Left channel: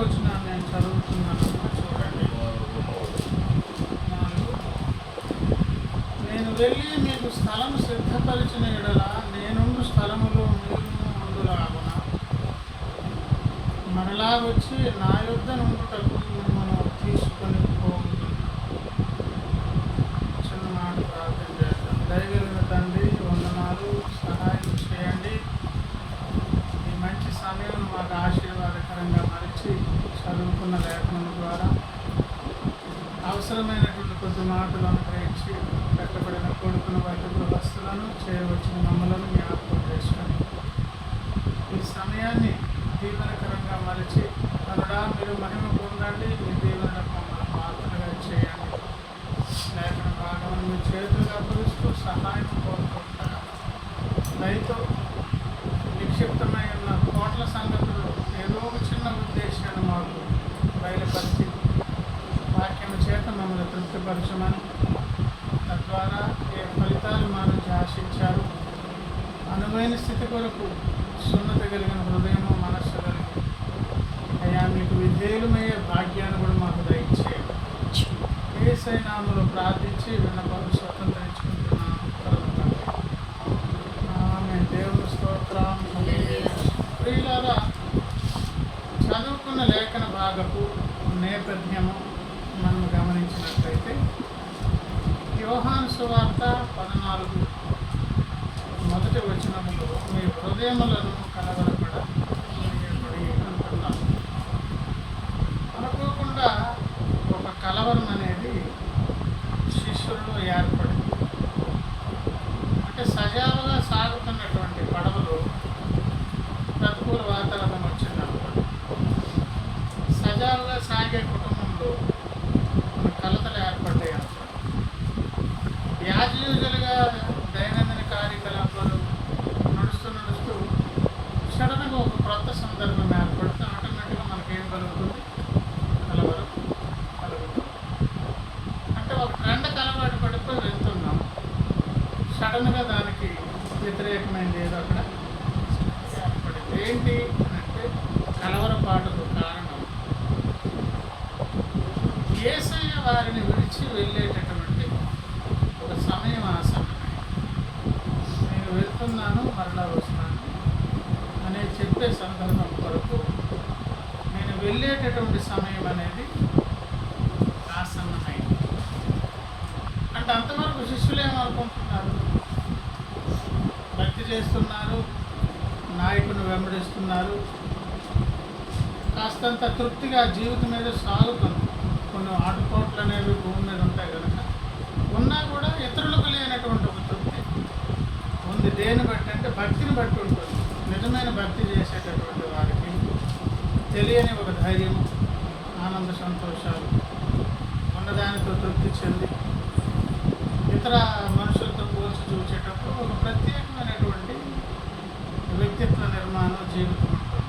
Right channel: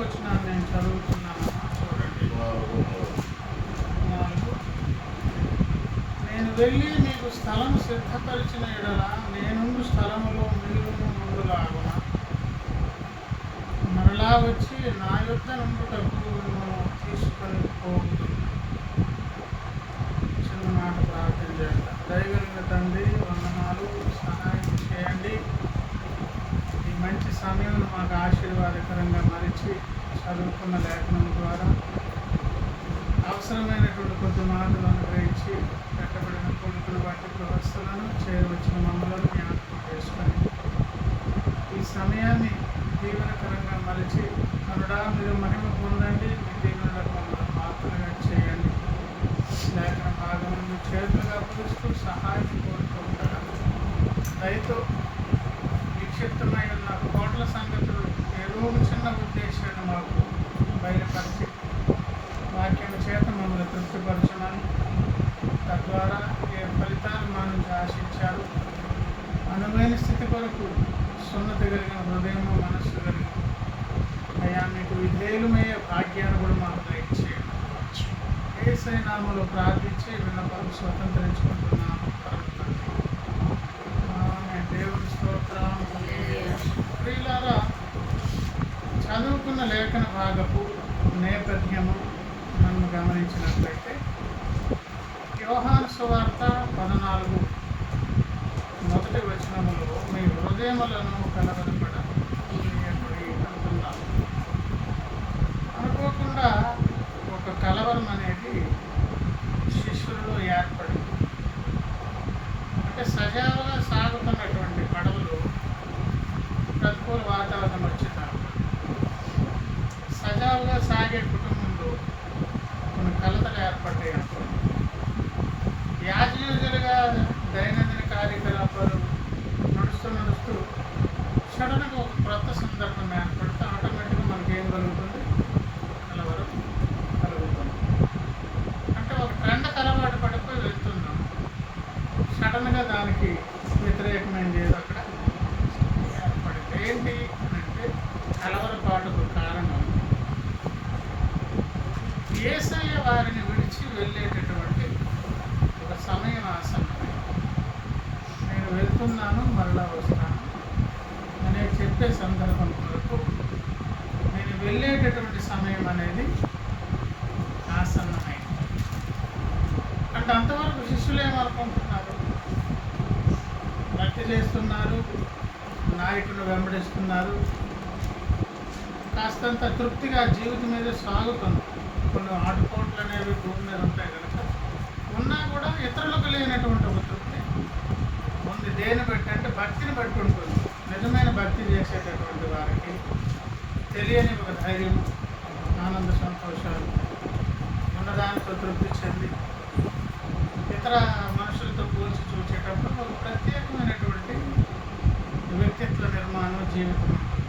వచనాన్ని నేను చదువుతున్నానమ్మా, చూడండి. 4. నేను వెళ్ళి మీకు స్థలం సిద్ధపరిచిన ఎడల నేనుండు స్థలములో మీరు ముందులాగున మరలా వచ్చి నా యొద్ద నుండుటకు మిమ్మల్ని తీసుకొని పోగుతున్నాను. చిన్న మాట ప్రార్థన చేద్దాం. దయగలిగిన తండ్రి, వందనాలు, సహాయం చేయండి. ఈ మంచి సమయం మాకు ఆశీర్వాదకరంగా మరిచి చదువుకున్న లేఖనం ద్వారా అవసరమైనటువంటి కొద్ది మాటలు అనుగ్రహించి పెట్టబడిన కొడుకును బట్టి గృహస్థులను చేయవచ్చిన మమ్మలను జ్ఞాపకం చేసుకొని ఈ సమయాన్ని దీవెనకరంగా మలిచి కనుడా మీరు మహిమ పొందండి. మీ దీవెనలకు మమ్మల్ని పాత్రగా చేయండి. లేఖన భాగమును మీ చేతులుగా అప్పగిస్తూ సహాయం కోరుతూ ఉంటారు. దయతో నిక్షిప్తమై ఉన్న కోట్ల సంగతులు ఏదో ఒక చిన్న ఉద్దేశాన్ని మాకు బయలుపరిచి వాక్యం చేత మమ్మల్ని తృప్తిపరచమని, తద్వారా ఏ ఫలితాలు మా నుంచి ఆశించారు అనువైన స్థితి కొరకు సున్నత కలిగిన హృదయము, మనస్సు కలిగి అయ్యా మీకు విధేయులమయ్యే భాగ్యాన్ని కూడా మాకు దయచేయండి. యేసయ్య నామములో ప్రార్థించి విన్నపం స్వతంత్రించుకుంటున్నాను పరమ తండ్రి. ఆమేన్. దేవుని స్తోత్రం. ప్రియులారా, చదువుకున్న లేఖన భాగపు నేపథ్యము మనం గమనించినట్లయితే యోహాను సువార్త 14 మొదటి వచనములో మీ హృదయములను కలవరపడనీయకుడి అంటున్నాను. అనుకోకుండా ఒక కలవరం అనేది శిష్యుల్లో ఏర్పడింది. అంటే సజావుగా సాగుతున్నటువంటి పడవలో ప్రతికూల వాతావరణం వచ్చింది అనుకోండి. సజావుగా సాగే కుటుంబంలో కొన్ని కలతలు ఏర్పడ్డాయి అనుకోండి. యాజ్యూజులుగా దైనందిన కార్యకలాపాలు నడుస్తూ సడన్గా ఒక క్రొత్త సందర్భం ఏర్పడితే ఆటోమేటిక్గా మనకేం కలుగుతుంది? కలవరం కలుగుతుంది. అంటే ఒక ట్రెండ్కి అలవాటు పడిపోయి వెళ్తున్నాం, సడన్గా దానికి వ్యతిరేకమైనది ఏదో అక్కడ ఏర్పడింది. ఏంటి అని అంటే కలవరపాటుకు కారణం యేసయ్య వారిని విడిచి వెళ్ళేటటువంటి ఒక సమయం ఆసన్నమైంది. నేను వెళ్తున్నాను, మరలా వస్తున్నాను అనే చెప్పే సందర్భం కొరకు నేను వెళ్ళేటటువంటి సమయం అనేది ఆసన్నమైంది. అంటే అంతవరకు శిష్యులు ఏమనుకుంటున్నారు? భక్తి చేస్తున్నారు, నాయకుని వెంబడిస్తున్నారు, కాస్తంత తృప్తిగా జీవితం మీద సాగుతుంది. కొన్ని ఆటుపోట్లు అనేవి భూమి మీద ఉంటాయి కనుక ఉన్నా కూడా ఇతరులకు లేనటువంటి ఒక తృప్తి ఉంది. దేని బట్టి అంటే భక్తిని బట్టి ఉంటుంది. నిజమైన భక్తి చేసేటటువంటి వారికి తెలియని ఒక ధైర్యం, ఆనంద సంతోషాలు ఉన్నదానితో తృప్తి చెంది ఇతర మనుషులతో పోల్చి చూసేటప్పుడు ఒక ప్రత్యేకమైనటువంటి వ్యక్తిత్వ నిర్మాణం, జీవితం ఉంటుంది.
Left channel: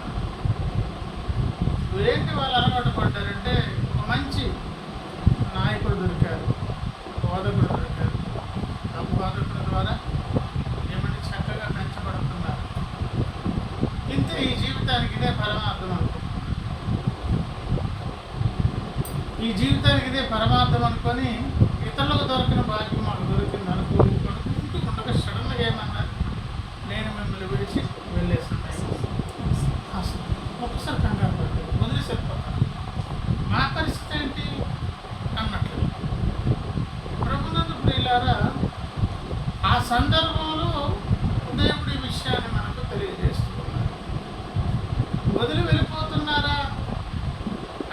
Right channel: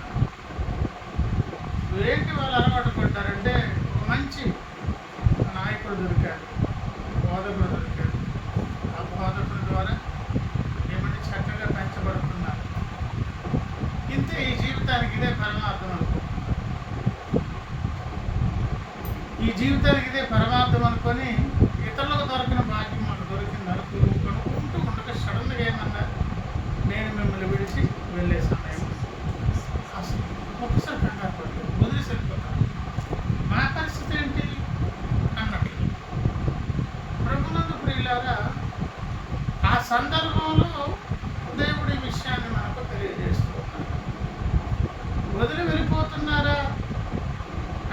ఏంటి వాళ్ళు అలవాటు పడ్డారంటే ఒక మంచి నాయకుడు దొరికారు, బోధకుడు దొరికారు. ఆ బోధకుడి ద్వారా ఏమంటే చక్కగా పెంచబడుతున్నారు. ఇంతే, ఈ జీవితానికి ఇదే పరమార్థం అనుకుంటున్నారు. ఈ జీవితానికి ఇదే పరమార్థం అనుకొని ఇతరులకు దొరికిన భాగ్యం మాకు దొరికింది అనుకుంటూ ఉండగా సడన్గా ఏమన్నారు? నేను మిమ్మల్ని విడిచి వెళ్ళే సమయం అసలు ఒక్కసారి కంగారు పడలేదు, వదిలేసి వెళ్ళిపోతాను. మా పరిస్థితి ఏంటి అన్నట్లు. ప్రభునందు ప్రియులారా, ఆ సందర్భంలో దేవుడి విషయాన్ని మనకు తెలియజేస్తూ ఉన్నారు. వదిలి వెళ్ళిపోతున్నారా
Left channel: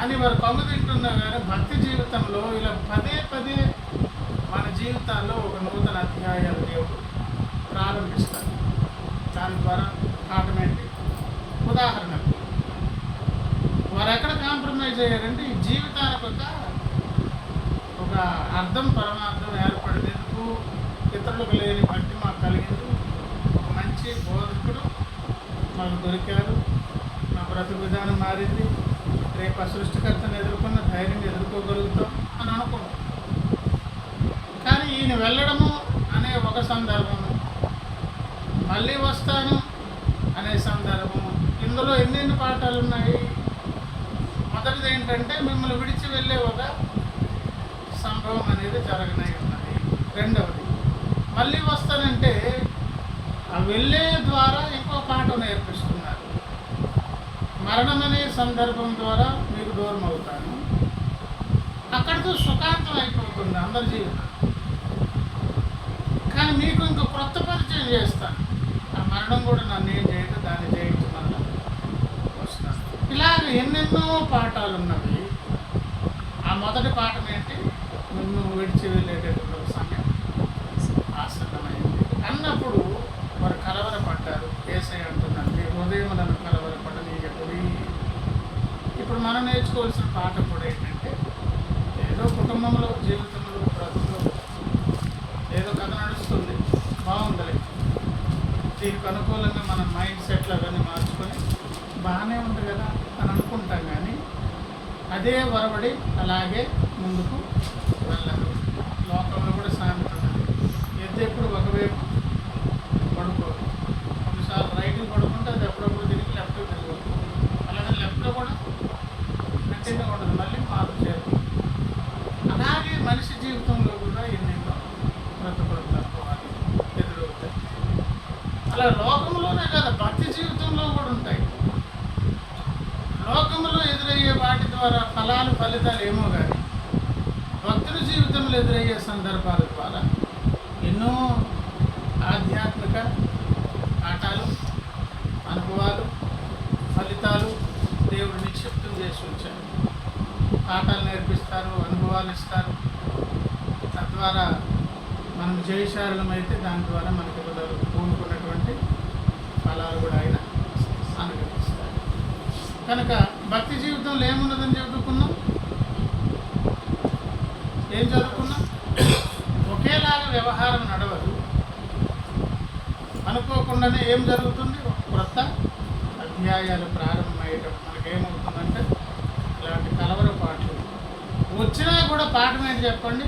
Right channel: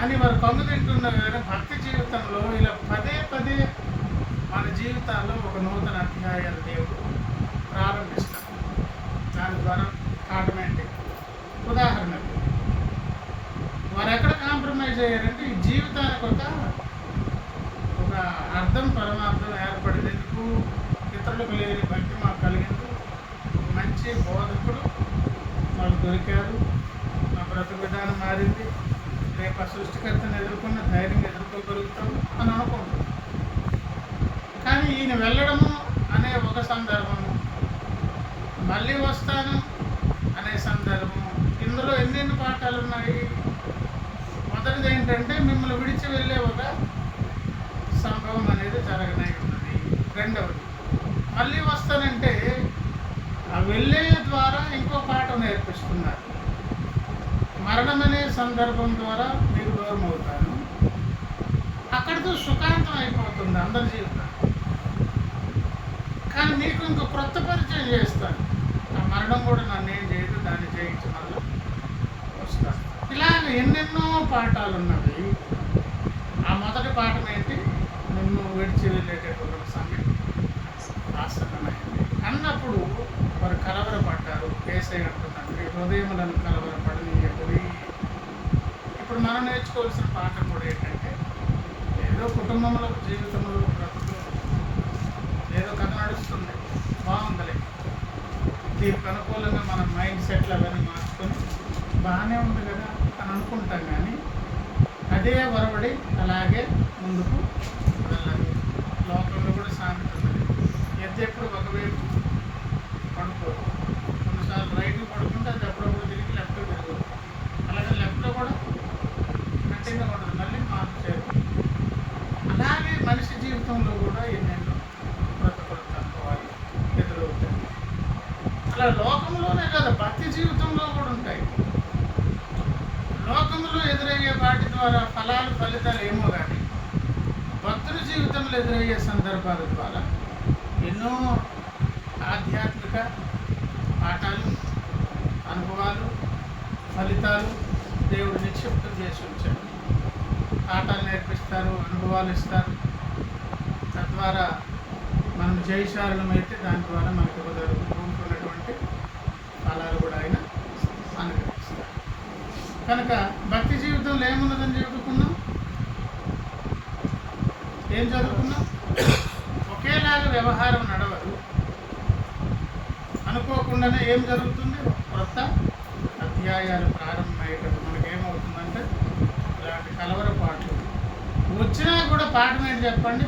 అని వారు కమ్ము తింటున్నారు. కానీ భక్తి జీవితంలో ఇలా పదే పదే మన జీవితాల్లో ఒక నూతన అధ్యాయాలు దేవుడు ప్రారంభిస్తారు. దాని ద్వారా ఆటోమేటిక్. ఉదాహరణకు వారు ఎక్కడ కాంప్రమైజ్ అయ్యారంటే ఈ జీవితానికి ఒక అర్థం, పరమార్థం ఏర్పడింది. ఎందుకు? ఇతరులకు లేని భక్తి మాకు కలిగింది. ఒక మంచి బోధకుడు మాకు దొరికారు, మా బ్రతుకు విధానం మారింది, రేపు ఆ సృష్టికర్తను ఎదుర్కొన్న ధైర్యంగా ఎదుర్కోగలుగుతాం అని అనుకుంటాం. కానీ ఈయన వెళ్ళడము అనే ఒక సందర్భము, మళ్ళీ వస్తాను అనే సందర్భము, ఇందులో ఎన్నెన్ని పాఠాలు ఉన్నాయి. మొదటిది ఏంటంటే మిమ్మల్ని విడిచి వెళ్ళే ఒక సంభవం అనేది జరగనై ఉన్నది. రెండవది మళ్ళీ వస్తానంటే ఆ వెళ్ళే ద్వారా ఇంకో పాఠం నేర్పిస్తున్నారు. మరణం అనే సందర్భం ద్వారా మీకు దూరం అవుతాను, అక్కడితో సుఖాంతం అయిపోతుంది అందరి జీవితం. కానీ మీకు ఇంకో క్రొత్త పరిచయం చేస్తాను. ఆ మరణం కూడా నన్ను ఏం చేయదు, దాన్ని జయించి మళ్ళీ వస్తాను. ఇలాగ ఎన్నెన్నో పాఠాలు ఉన్నవి. ఆ మొదటి పాఠం ఏంటి? నిన్ను విడిచి వెళ్ళేటటువంటి ఒక సమయం ఆసన్నమైంది అన్నప్పుడు వారు కలవరపడ్డారు. యేసయ్య అంటున్నారు, మీ హృదయములను కలవరపడనీయకుడి. ఇప్పుడు మనం నేర్చుకోవాల్సిన పాఠం కూడా ఏంటంటే, ఏదో కుటుంబంలో జీవితంలో బ్రతుకులో ఏదో కథ నడుస్తుంది, బాగుందిలే, దీనికి అనుకూలంగా మన మైండ్ సెట్లు అవన్నీ మార్చుకొని బాగానే ఉంది కదా అని అనుకుంటాం. కానీ అదే వరబడి అలాగే ముందుకు వెళ్ళదు. లోకంలో కూడా సామెత ఉన్నది, ఎద్దు ఎప్పుడు ఒకవైపు పడుకోదు. కొన్నిసార్లు రైట్కి పడుకుంటే అది ఎప్పుడప్పుడు తిరిగి లెఫ్ట్కి తిరగదు. అలాగే లెఫ్ట్లో కూడా కంటిన్యూ ఉండదు, మళ్ళీ మార్పు చేరుతుంది. అలాగే మనిషి జీవితంలో కూడా ఎన్నెన్నో బ్రతకూడదు అనుకోవాలి ఎదురవుతాయి. అలా లోకంలోనే కదా, భక్తి జీవితంలో కూడా ఉంటాయి. లోకంలో ఎదురయ్యే వాటి ద్వారా ఫలితాలు ఏమో కానీ భక్తుల జీవితంలో ఎదురయ్యే సందర్భాల ద్వారా ఎన్నో ఆధ్యాత్మిక పాఠాలు, అనుభవాలు, ఫలితాలు దేవుడు నిక్షిప్తం చేసి ఉంచారు. పాఠాలు నేర్పిస్తారు, అనుభవాలు ఇస్తారు. తద్వారా మనం జయశాలమైతే దాని ద్వారా మనకి కోరుకున్నటువంటి ఫలాలు కూడా ఆయన అనుగ్రహిస్తారు. కనుక భక్తి జీవితంలో ఏమున్నదని చదువుకున్నాం? ఏం చదువుకున్నాం? ఒకేలాగా వ్యవహారం నడవదు. అనుకోకుండానే ఏం జరుగుతుంది? ఒక కొత్త అధ్యాయాలు ప్రారంభమయ్యేటప్పుడు మనకేమవుతుందంటే ఇలాంటి కలవరపాట్లు వచ్చినా కూడా పాఠం ఏంటి చెప్పండి?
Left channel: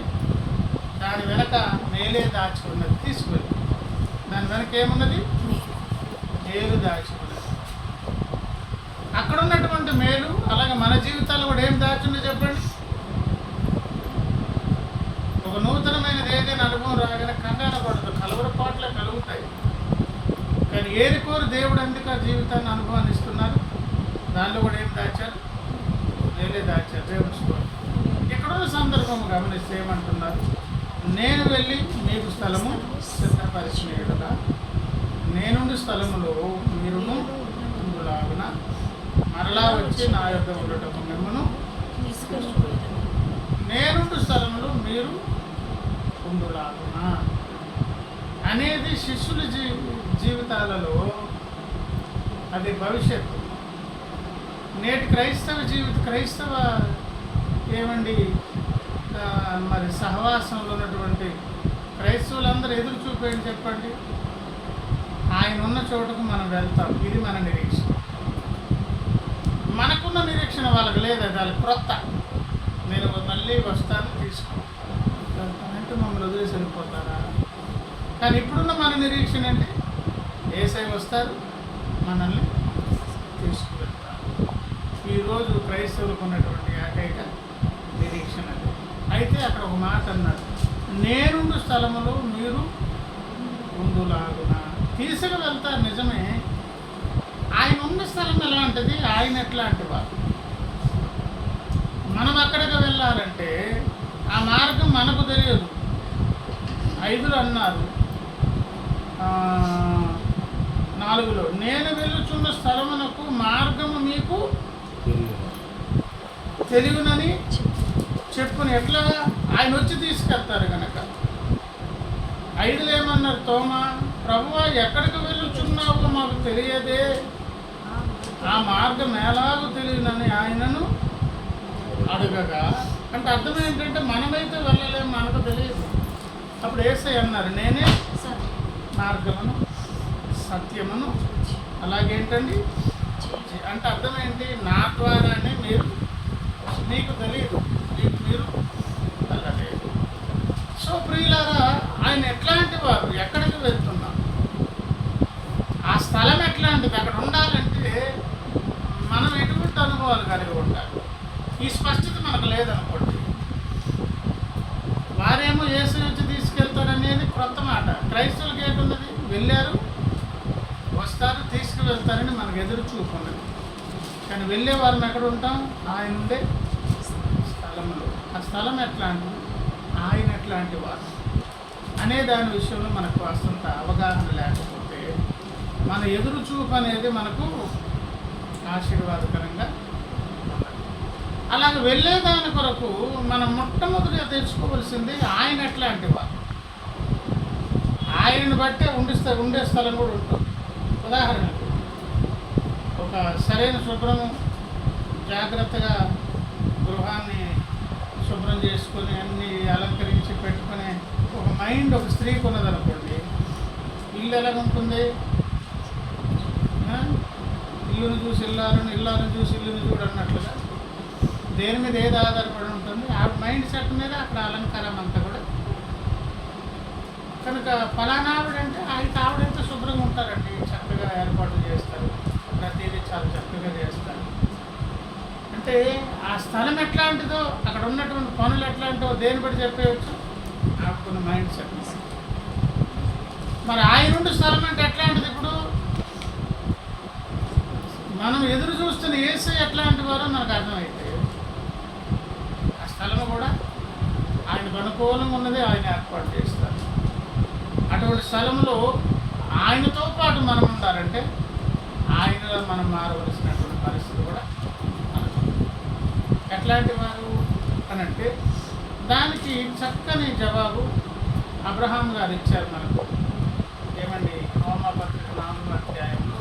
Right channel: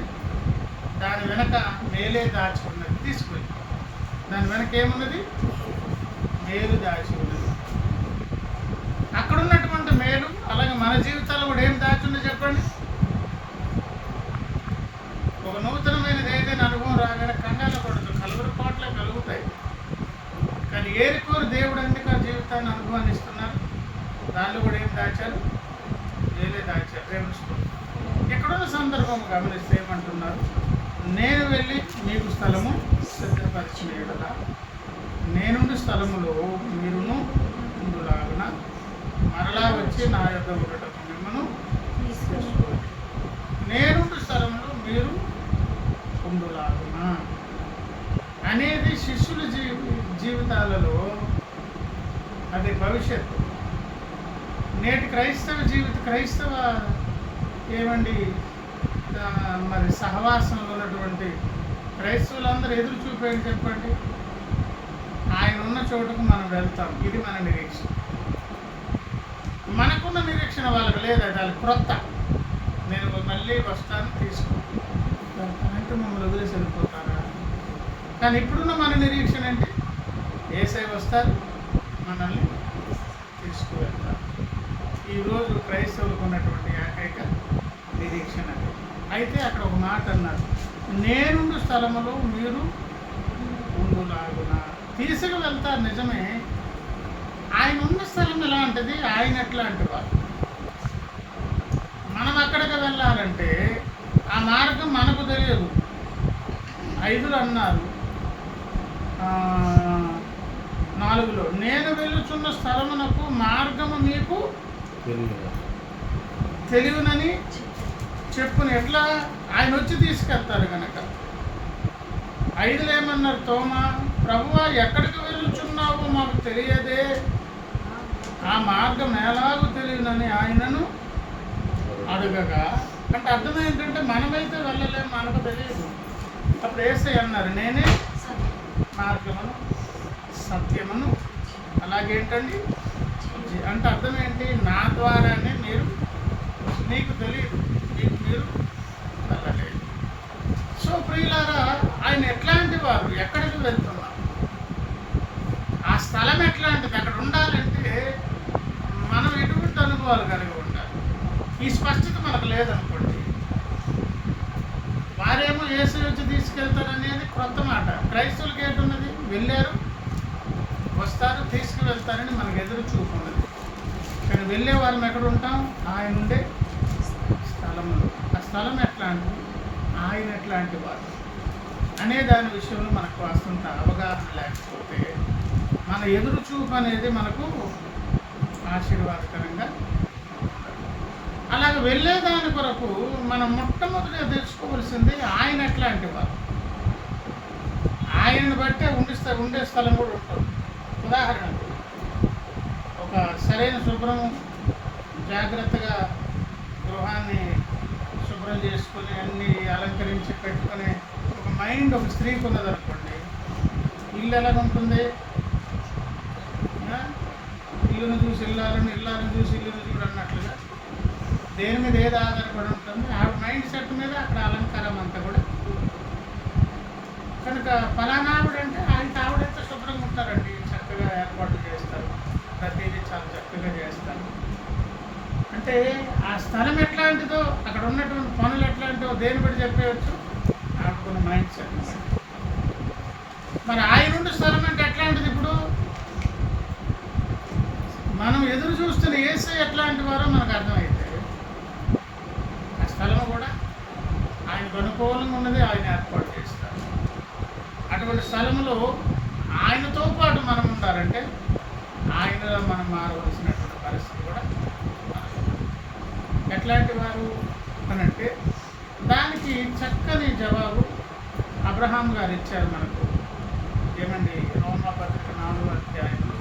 దాని వెనక మేలే దాచి ఉన్నది, తీసుకెళ్ళి దాని వెనక ఏమున్నది? మేలు దాచి ఉన్నది. అక్కడ ఉన్నటువంటి మేలు అలాగే మన జీవితాల్లో కూడా ఏం దాచి ఉన్నది చెప్పండి? ఒక నూతనమైనది ఏదైనా అనుభవం రాగానే కంగారు పడదు, కలవరపాట్లే కలుగుతాయి. కానీ ఏరికోరు దేవుడు ఎందుకు ఆ జీవితాన్ని అనుభవాన్ని ఇస్తున్నారు? దానిలో కూడా ఏం దాచారు? మేలే దాచారు. దేవుడు ఎక్కడున్న సందర్భం గమనిస్తే ఏమంటున్నారు? నేను వెళ్ళి మీకు స్థలము సిద్ధపరిచిన ఎడల నేనుండి స్థలములో మీరును ఉండులాగున మరలా వచ్చి నా యొద్ద ఉండటం మిమ్మను తీసుకోవాలి. నేనుండి స్థలంలో మీరు ఉండులాగున అనేది శిష్యుల జీవితాలలో అది భవిష్యత్తు. నేటి క్రైస్తవ ఏమండి మరి సహవాసంలో ఉన్నటువంటి క్రైస్తవులందరూ ఎదురు చూపేది చెప్పండి? ఆయన ఉన్న చోటుకు మనం వెళ్తాం. ఇది మన నిరీక్షణ. మనకున్న నిరీక్షణ వాళ్ళకి లేదు, అది వాళ్ళకి క్రొత్త. నేను మళ్ళీ వస్తాను, వెళ్తానంటే మమ్మల్ని వదిలేసి వెళ్ళిపోతారా? కానీ ఇప్పుడున్న మన నిరీక్షణ అంటే యేసయ్య వస్తారు, మనల్ని తీసుకువెళ్తారు. ఈరోజు క్రైస్తవులకు ఉన్నటువంటి ఏకైక నిరీక్షణ అది. అయితే అక్కడ ఒక మాట అన్నారు, నేనుండు స్థలములో మీరు ఉండులాగున. తీసుకు వెళ్తారు నిజమే. ఆయన ఉన్న స్థలం ఎలాంటిది, ఆయన ఎట్లాంటి వారు. మనం ఎక్కడికి వెళ్ళాలంటే ఆ మార్గం మనకు తెలియదు. 5లో అన్నారు, 4లో నేను వెళ్ళుచున్న స్థలమునకు మార్గము మీకు తెలియనని చెప్పుని. ఎట్లా? ఆయన వచ్చి తీసుకెళ్తారు కనుక. 5లో ఏమన్నారు? తోమా, ప్రభువా ఎక్కడికి వెళ్ళుచున్నావో మాకు తెలియదే, ఆ మార్గం ఎలాగో తెలియనని ఆయనను అడగగా. అంటే అర్థం ఏంటంటే మనమైతే వెళ్ళలేము, మనకు తెలియదు. అప్పుడు యేసయ్య అన్నారు, నేనే మార్గమును సత్యమును అలాగేంటండి అంటే అర్థం ఏంటి? నా ద్వారానే మీకు తెలియదు, మీరు వెళ్ళలేదు. సో ప్రియులారా, ఆయన ఎట్లాంటి వారు, ఎక్కడికి వెళ్తున్నారు, ఆ స్థలం ఎట్లాంటిది, అక్కడ ఉండాలంటే మనం ఎటువంటి అనుభవాలు కలిగి ఉండాలి. ఈ స్పష్టత మనకు లేదనుకోండి. వారేమో యేసు వచ్చి తీసుకెళ్తారనేది క్రొత్త మాట. క్రైస్తవులకి ఏంటున్నది? వెళ్ళారు, వస్తారు, తీసుకువెళ్తారని మనకు ఎదురు చూపు ఉన్నది. కానీ వెళ్ళే వారం ఎక్కడ ఉంటాం? ఆయన ఉండే స్థలంలో. ఆ స్థలం ఎట్లాంటిది, ఆయన ఎట్లాంటి వారు అనే దాని విషయంలో మనకు కాస్తంత అవగాహన లేకపోతే మన ఎదురు చూపు అనేది మనకు ఆశీర్వాదకరంగా ఉండదు. అలాగే వెళ్ళేదాని కొరకు మనం మొట్టమొదటిగా తెచ్చుకోవలసింది ఆయన ఎట్లాంటి వారు. ఆయనను బట్టే ఉండే స్థలం కూడా ఉంటుంది. ఉదాహరణకు ఒక సరైన శుభ్రము, జాగ్రత్తగా గృహాన్ని శుభ్రం చేసుకొని అన్నీ అలంకరించి పెట్టుకునే ఒక మైండ్ ఒక స్త్రీకి ఉన్నదనుకోండి, ఇల్లు ఎలాగుంటుంది? ఇల్లును చూసి ఇల్లాలను చూసి ఇల్లును చూడన్నట్లుగా దేని మీద ఏది ఆధారపడి ఉంటుంది? ఆవిడ మైండ్ సెట్ మీద అక్కడ అలంకారం అంతా కూడా. కనుక ఫలానా ఆవిడంటే ఆవిడెంత శుభ్రంగా ఉంటారండి, చక్కగా ఏర్పాట్లు చేస్తారు, ప్రతిదీ చాలా చక్కగా చేస్తారు. అంటే ఆ స్థలం ఎట్లాంటిదో, అక్కడ ఉన్నటువంటి పనులు ఎట్లాంటిదో దేని బట్టి చెప్పేయచ్చు? ఆడుకున్న మైండ్ సెట్ బట్టి. మరి ఆయన స్థలం అంటే ఎట్లాంటిది? ఇప్పుడు మనం ఎదురు చూస్తున్న యేసయ్య ఎట్లాంటి వారో మనకు అర్థమైతే ఆ స్థలము కూడా ఆయనకు అనుకూలంగా ఉన్నది, ఆయన ఏర్పాటు చేస్తారు. అటువంటి స్థలంలో ఆయనతో పాటు మనం ఉండాలంటే ఆయనలో మనం మారవలసినటువంటి పరిస్థితి కూడా ఎట్లాంటి వారు అనంటే దానికి చక్కని జవాబు అబ్రహాం గారు ఇచ్చారు మనకు. ఏమండి? రోమాపత్రిక 4వ అధ్యాయంలో,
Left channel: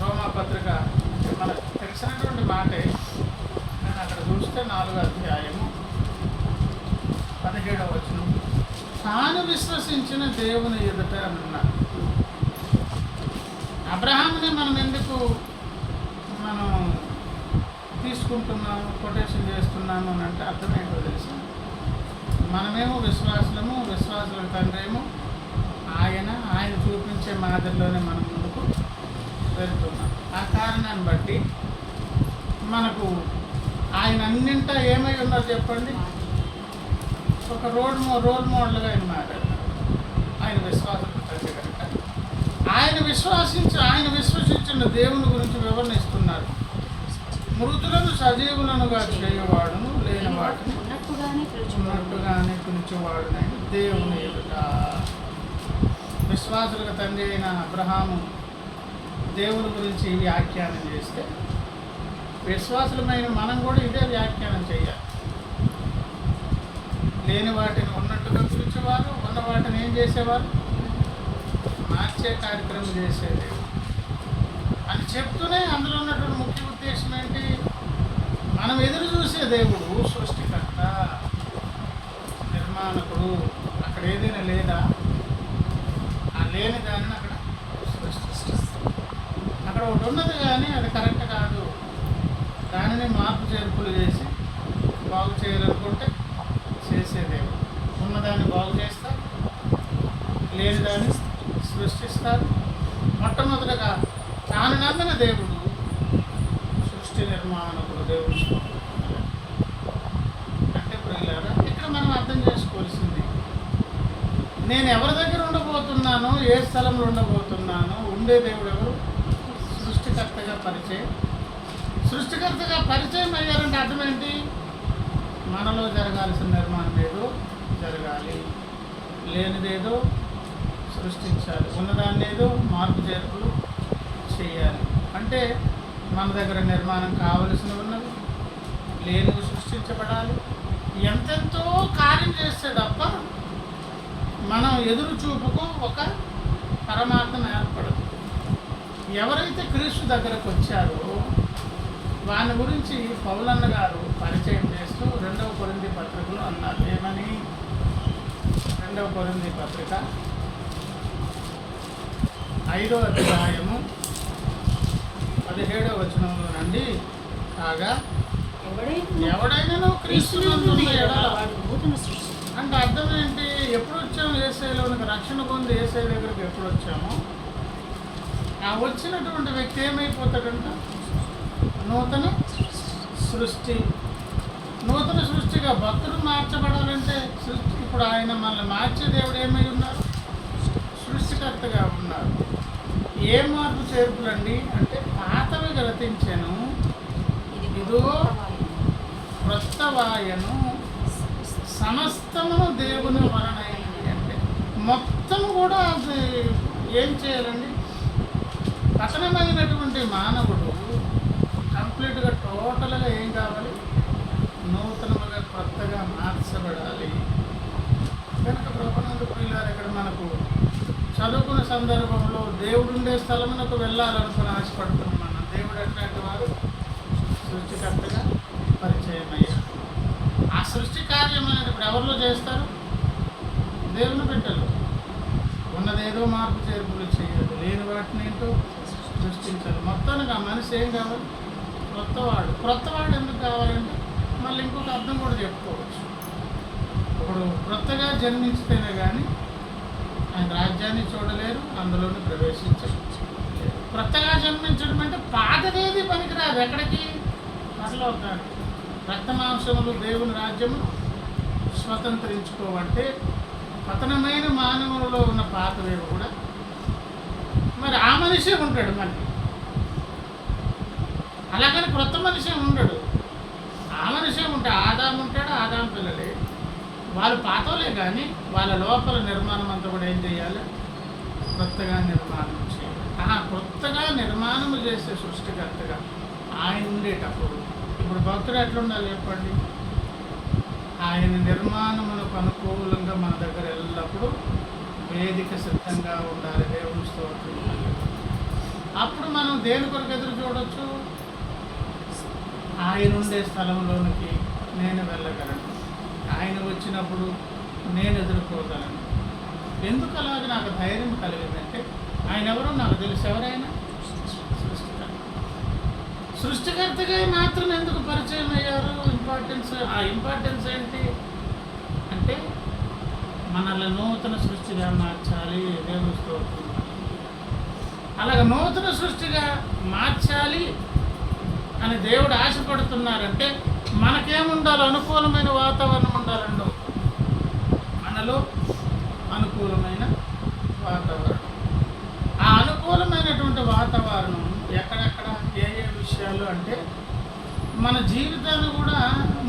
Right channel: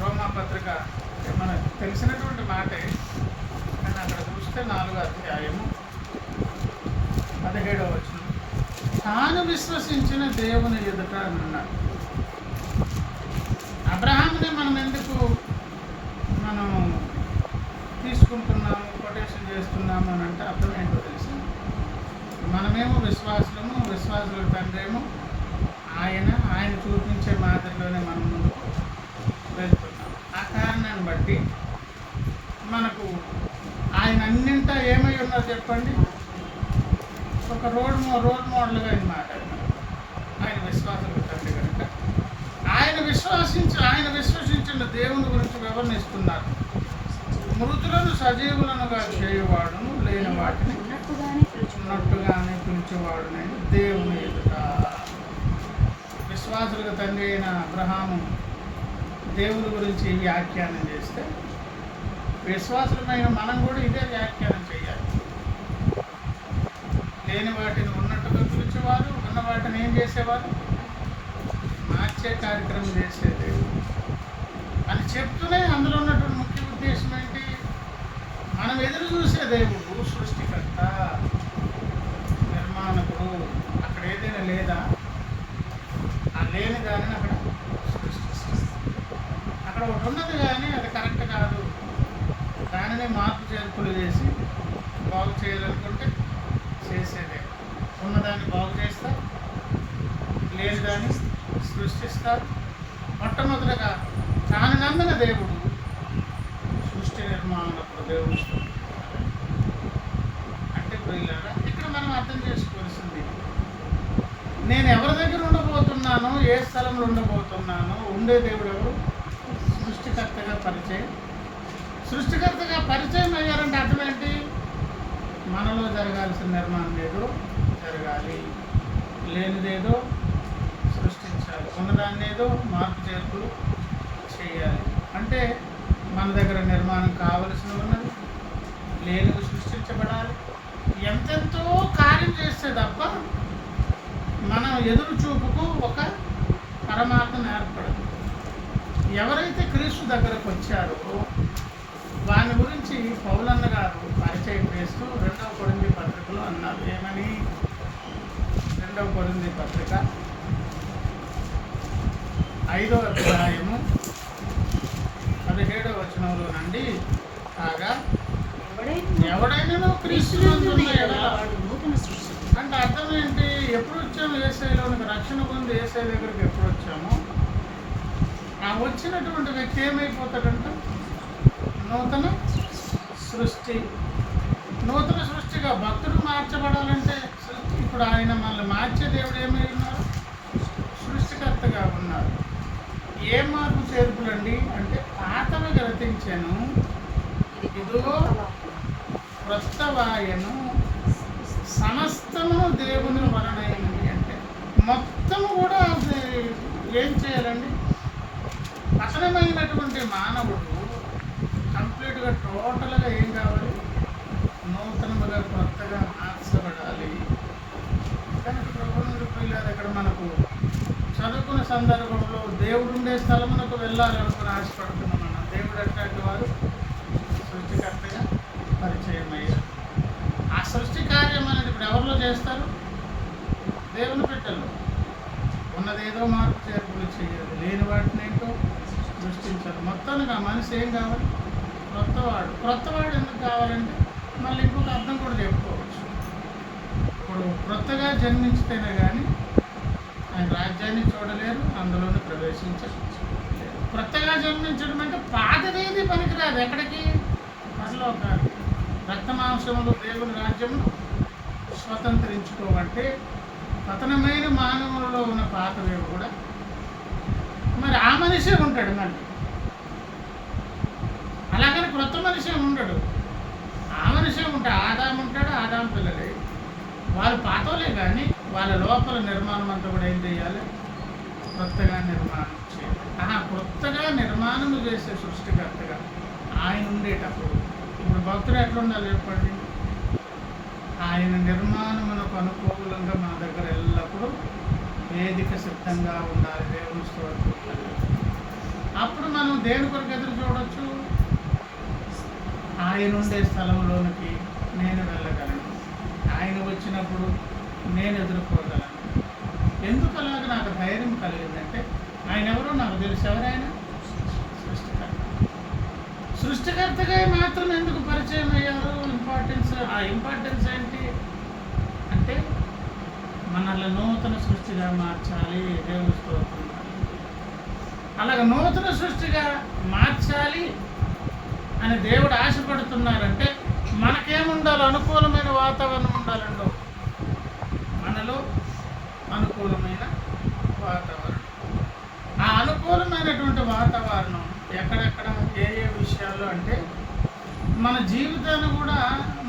రోమాపత్రిక అంటే మనకు తెలిసినటువంటి మాటే, కానీ అక్కడ చూస్తే 4వ అధ్యాయము 17వ వచనం, తాను విశ్వసించిన దేవుని ఎదుట అని అన్నారు. అబ్రహాంని మనం ఎందుకు తీసుకుంటున్నాము, కొటేషన్ చేస్తున్నాము అని అంటే అర్థం ఏంటో తెలుసు. మనమేమో విశ్వాసుల తండ్రి ఏమో ఆయన చూపించే మాదిరిలోనే మనం ముందుకు వెళ్తున్నాం. ఆ కారణాన్ని బట్టి మనకు ఆయన అన్నింటా ఏమై ఉన్నారు చెప్పండి? ఒక రోల్ మోడల్గా ఆయన మాట్లాడినారు. ఆయన విశ్వాసులకు తండ్రి కనుక ఆయన విశ్వసించిన దేవుని గురించి వివరణిస్తున్నారు. మృతులను సజీవులనుగా చేయువాడును, లేని వాటిని ఉన్నట్టుగానే పిలిచేవాడునైన దేవుని ఎదుట. విశ్వాసులకు తండ్రి అయిన అబ్రహాము దేవుని గురించి వ్యాఖ్యానం చేస్తే విశ్వాసులమైన మనం కూడా ఇదే వ్యాఖ్యానం చేయాలి. లేని వాటిని ఉన్నట్టుగా పిలిచేవారు, ఉన్న వాటిని ఏం చేసేవారు? మార్చే కార్యక్రమం చేసేది అని చెప్తూనే అందులో ఉన్నటువంటి ముఖ్య ఉద్దేశం ఏంటి? మనం ఎదురు చూసే దేవుడు సృష్టికర్త, నిర్మాణకుడు. అక్కడ ఏదైనా లేదా? ఆ లేని దానిని అక్కడ సృష్టిస్తారు. అక్కడ ఒకటి ఉన్నది కానీ అది కరెక్ట్ కాదు, దానిని మార్పు చేర్పులు చేసి బాగు చేయాలనుకుంటే చేసేదేమో. ఉన్నదాన్ని బాగు చేస్తారు, లేని దాన్ని సృష్టిస్తారు. మొట్టమొదటిగా తాను నమ్మిన దేవుడు సృష్టి నిర్మాణకుడు, దేవుడు. అంటే ప్రియులారా, ఇక్కడ మనం అర్థం చేసుకోవాల్సింది, నేను ఎవరి దగ్గర ఉండబోతున్నానో, ఏ స్థలంలో ఉండబోతున్నానో, ఉండే దేవుడు ఎవరు? సృష్టికర్తగా పరిచయం అయ్యారంటే అర్థం ఏంటి? మనలో జరగాల్సిన నిర్మాణం ఏదో జరగాలి, లేనిదేదో సృష్టించాలి, ఉన్నదాన్ని ఏదో మార్పు చేర్పులు చేయాలి. అంటే మన దగ్గర నిర్మాణం కావలసినవి ఉన్నవి, లేనివి సృష్టించబడాలి. ఎంతెంతో కార్యం చేస్తే తప్ప మనం ఎదురు చూపుకు ఒక పరమార్థం ఏర్పడదు. ఎవరైతే క్రీస్తు దగ్గరకు వచ్చారో వాని గురించి పౌలన్న గారు పరిచయం చేస్తూ 2వ కొరింథీ పత్రికలో అన్నారు. ఏమని? 2వ కొరింథీ పత్రిక 5వ అధ్యాయము 17వ వచనంలో నుండి, కాగా ఎవడైనా క్రీస్తునందున్న ఎడల అంటే అర్థం ఏంటి? ఎప్పుడు వచ్చాము యేసయ్యలోనికి, రక్షణ పొంది యేసయ్య దగ్గరికి ఎప్పుడు వచ్చామో ఆ వచ్చినటువంటి వ్యక్తి ఏమైపోతాడంట? నూతన సృష్టి. నూతన సృష్టిగా భక్తుడు మార్చబడాలంటే సృష్టి, ఇప్పుడు ఆయన మనల్ని మార్చే దేవుడు ఏమై ఉన్నారు? సృష్టికర్తగా ఉన్నారు. ఏ మార్పు చేర్పులండి అంటే పాతవి గ్రతించాను, ఇదిగో క్రొత్త వాయను, సమస్తమును దేవుని వలనైనవి. అంటే మొత్తం కూడా అది ఏం చేయాలండి? పతనమైనటువంటి మానవుడు కంప్లీట్గా టోటల్గా ఏం కావాలి? నూతనముగా కొత్తగా మార్చబడాలి. కనుక ప్రభునందు ప్రియులారా, ఇక్కడ మనకు చదువుకునే సందర్భంలో దేవుడు ఉండే స్థలమునకు వెళ్ళాలనుకుని ఆశపడుతున్నాం. మనం దేవుడు అట్లాంటి వారు సృష్టికర్తగా పరిచయం అయ్యారు. ఆ సృష్టి కార్యం అనేది ఇప్పుడు ఎవరిలో చేస్తారు? దేవుని బిడ్డల్లో. ఉన్నదేదో మార్పు చేర్పులు చేయదు, లేని వాటిని ఏంటో సృష్టించారు. మొత్తానికి ఆ మనిషి ఏం కావాలి? క్రొత్తవాడు. క్రొత్తవాడు ఎందుకు కావాలంటే మళ్ళీ ఇంకొక అర్థం కూడా చెప్పుకోవచ్చు. ఇప్పుడు క్రొత్తగా జన్మించితేనే కానీ ఆయన రాజ్యాన్ని చూడలేరు, అందులోనే ప్రవేశించలేరు. క్రొత్తగా జన్మించడం అంటే పాతదేది పనికిరాదు. ఎక్కడికి? పరలోకానికి. రక్తమాంసములు దేవుని రాజ్యము స్వతంత్రించుకోవంటే పతనమైన మానవులలో ఉన్న పాతవేవి కూడా మరి ఆ మనిషే ఉంటాడు. మళ్ళీ అలాగని క్రొత్త మనిషే ఉండడు, ఆ మనిషే ఉంటాడు. ఆదాము ఉంటాడు, ఆదాము పిల్లలే, వాళ్ళు పాతోలే. కానీ వాళ్ళ లోపల నిర్మాణం అంతా కూడా ఏం చేయాలి? క్రొత్తగా నిర్మాణం చేయాలి. క్రొత్తగా నిర్మాణం చేసే సృష్టికర్తగా ఆయన ఉండేటప్పుడు ఇప్పుడు భక్తుడు ఎట్లుండాలి చెప్పండి? ఆయన నిర్మాణమునకు అనుకూలంగా మన దగ్గర ఎల్లప్పుడూ వేదిక సిద్ధంగా ఉండాలి. దేవుని స్తోత్రం. అప్పుడు మనం దేని కొరకు ఎదురు చూడవచ్చు? ఆయన ఉండే స్థలంలోనికి నేను వెళ్ళగలను, ఆయన వచ్చినప్పుడు నేను ఎదుర్కోగలను. ఎందుకు అలాగ నాకు ధైర్యం కలిగిందంటే ఆయన ఎవరో నాకు తెలుసు. ఎవరైనా సృష్టికర్త. సృష్టికర్తగా మాత్రం ఎందుకు పరిచయం అయ్యారు? ఆ ఇంపార్టెన్స్ ఏంటి అంటే మనల్ని నూతన సృష్టిగా మార్చాలి. దేవుని స్తోత్రం. అలాగ నూతన సృష్టిగా మార్చాలి అని దేవుడు ఆశపడుతున్నారంటే మనకేముండాలి? అనుకూలమైన వాతావరణం ఉండాలండో. మనలో అనుకూలమైన వాతావరణం. ఆ అనుకూలమైనటువంటి వాతావరణం ఎక్కడెక్కడ, ఏ ఏ విషయాల్లో అంటే మన జీవితాన్ని కూడా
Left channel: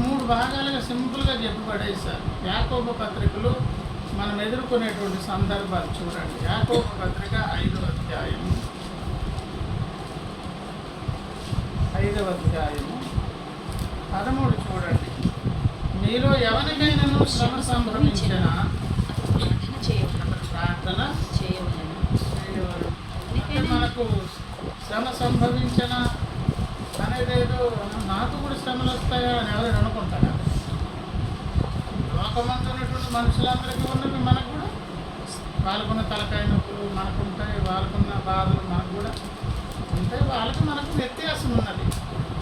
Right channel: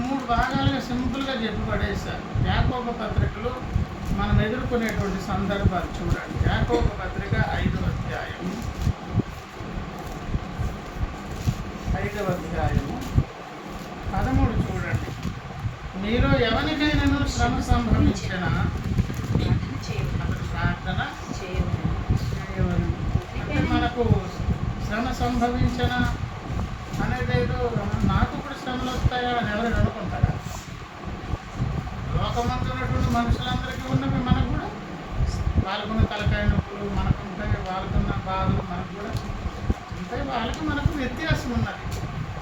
3 భాగాలుగా సింపుల్గా చెప్పి పడేశారు. యాకోబు పత్రికలో మనం ఎదుర్కొనేటువంటి సందర్భాలు చూడండి. యాకోబు పత్రిక 5వ అధ్యాయము 13 చూడండి. మీలో ఎవరికైనాను శ్రమ సంభవించినా ప్రార్థన చేయవలెను. అంటే మనకు శ్రమ సంభవించిన అనేదేదో నాకు కూడా శ్రమలు వస్తాయా అని ఎవరైనా అనుకుంటారా? లోకమందు ఉన్నటువంటి మనుషులందరికీ ఉన్నవి మనకు కూడా. వాళ్ళకున్న తలకాయ నొప్పులు మనకుంటాయి, వాళ్ళకున్న బాధలు మనకు కూడా ఉంటాయి. వాళ్ళకి మనకు వ్యత్యాసం ఉన్నది.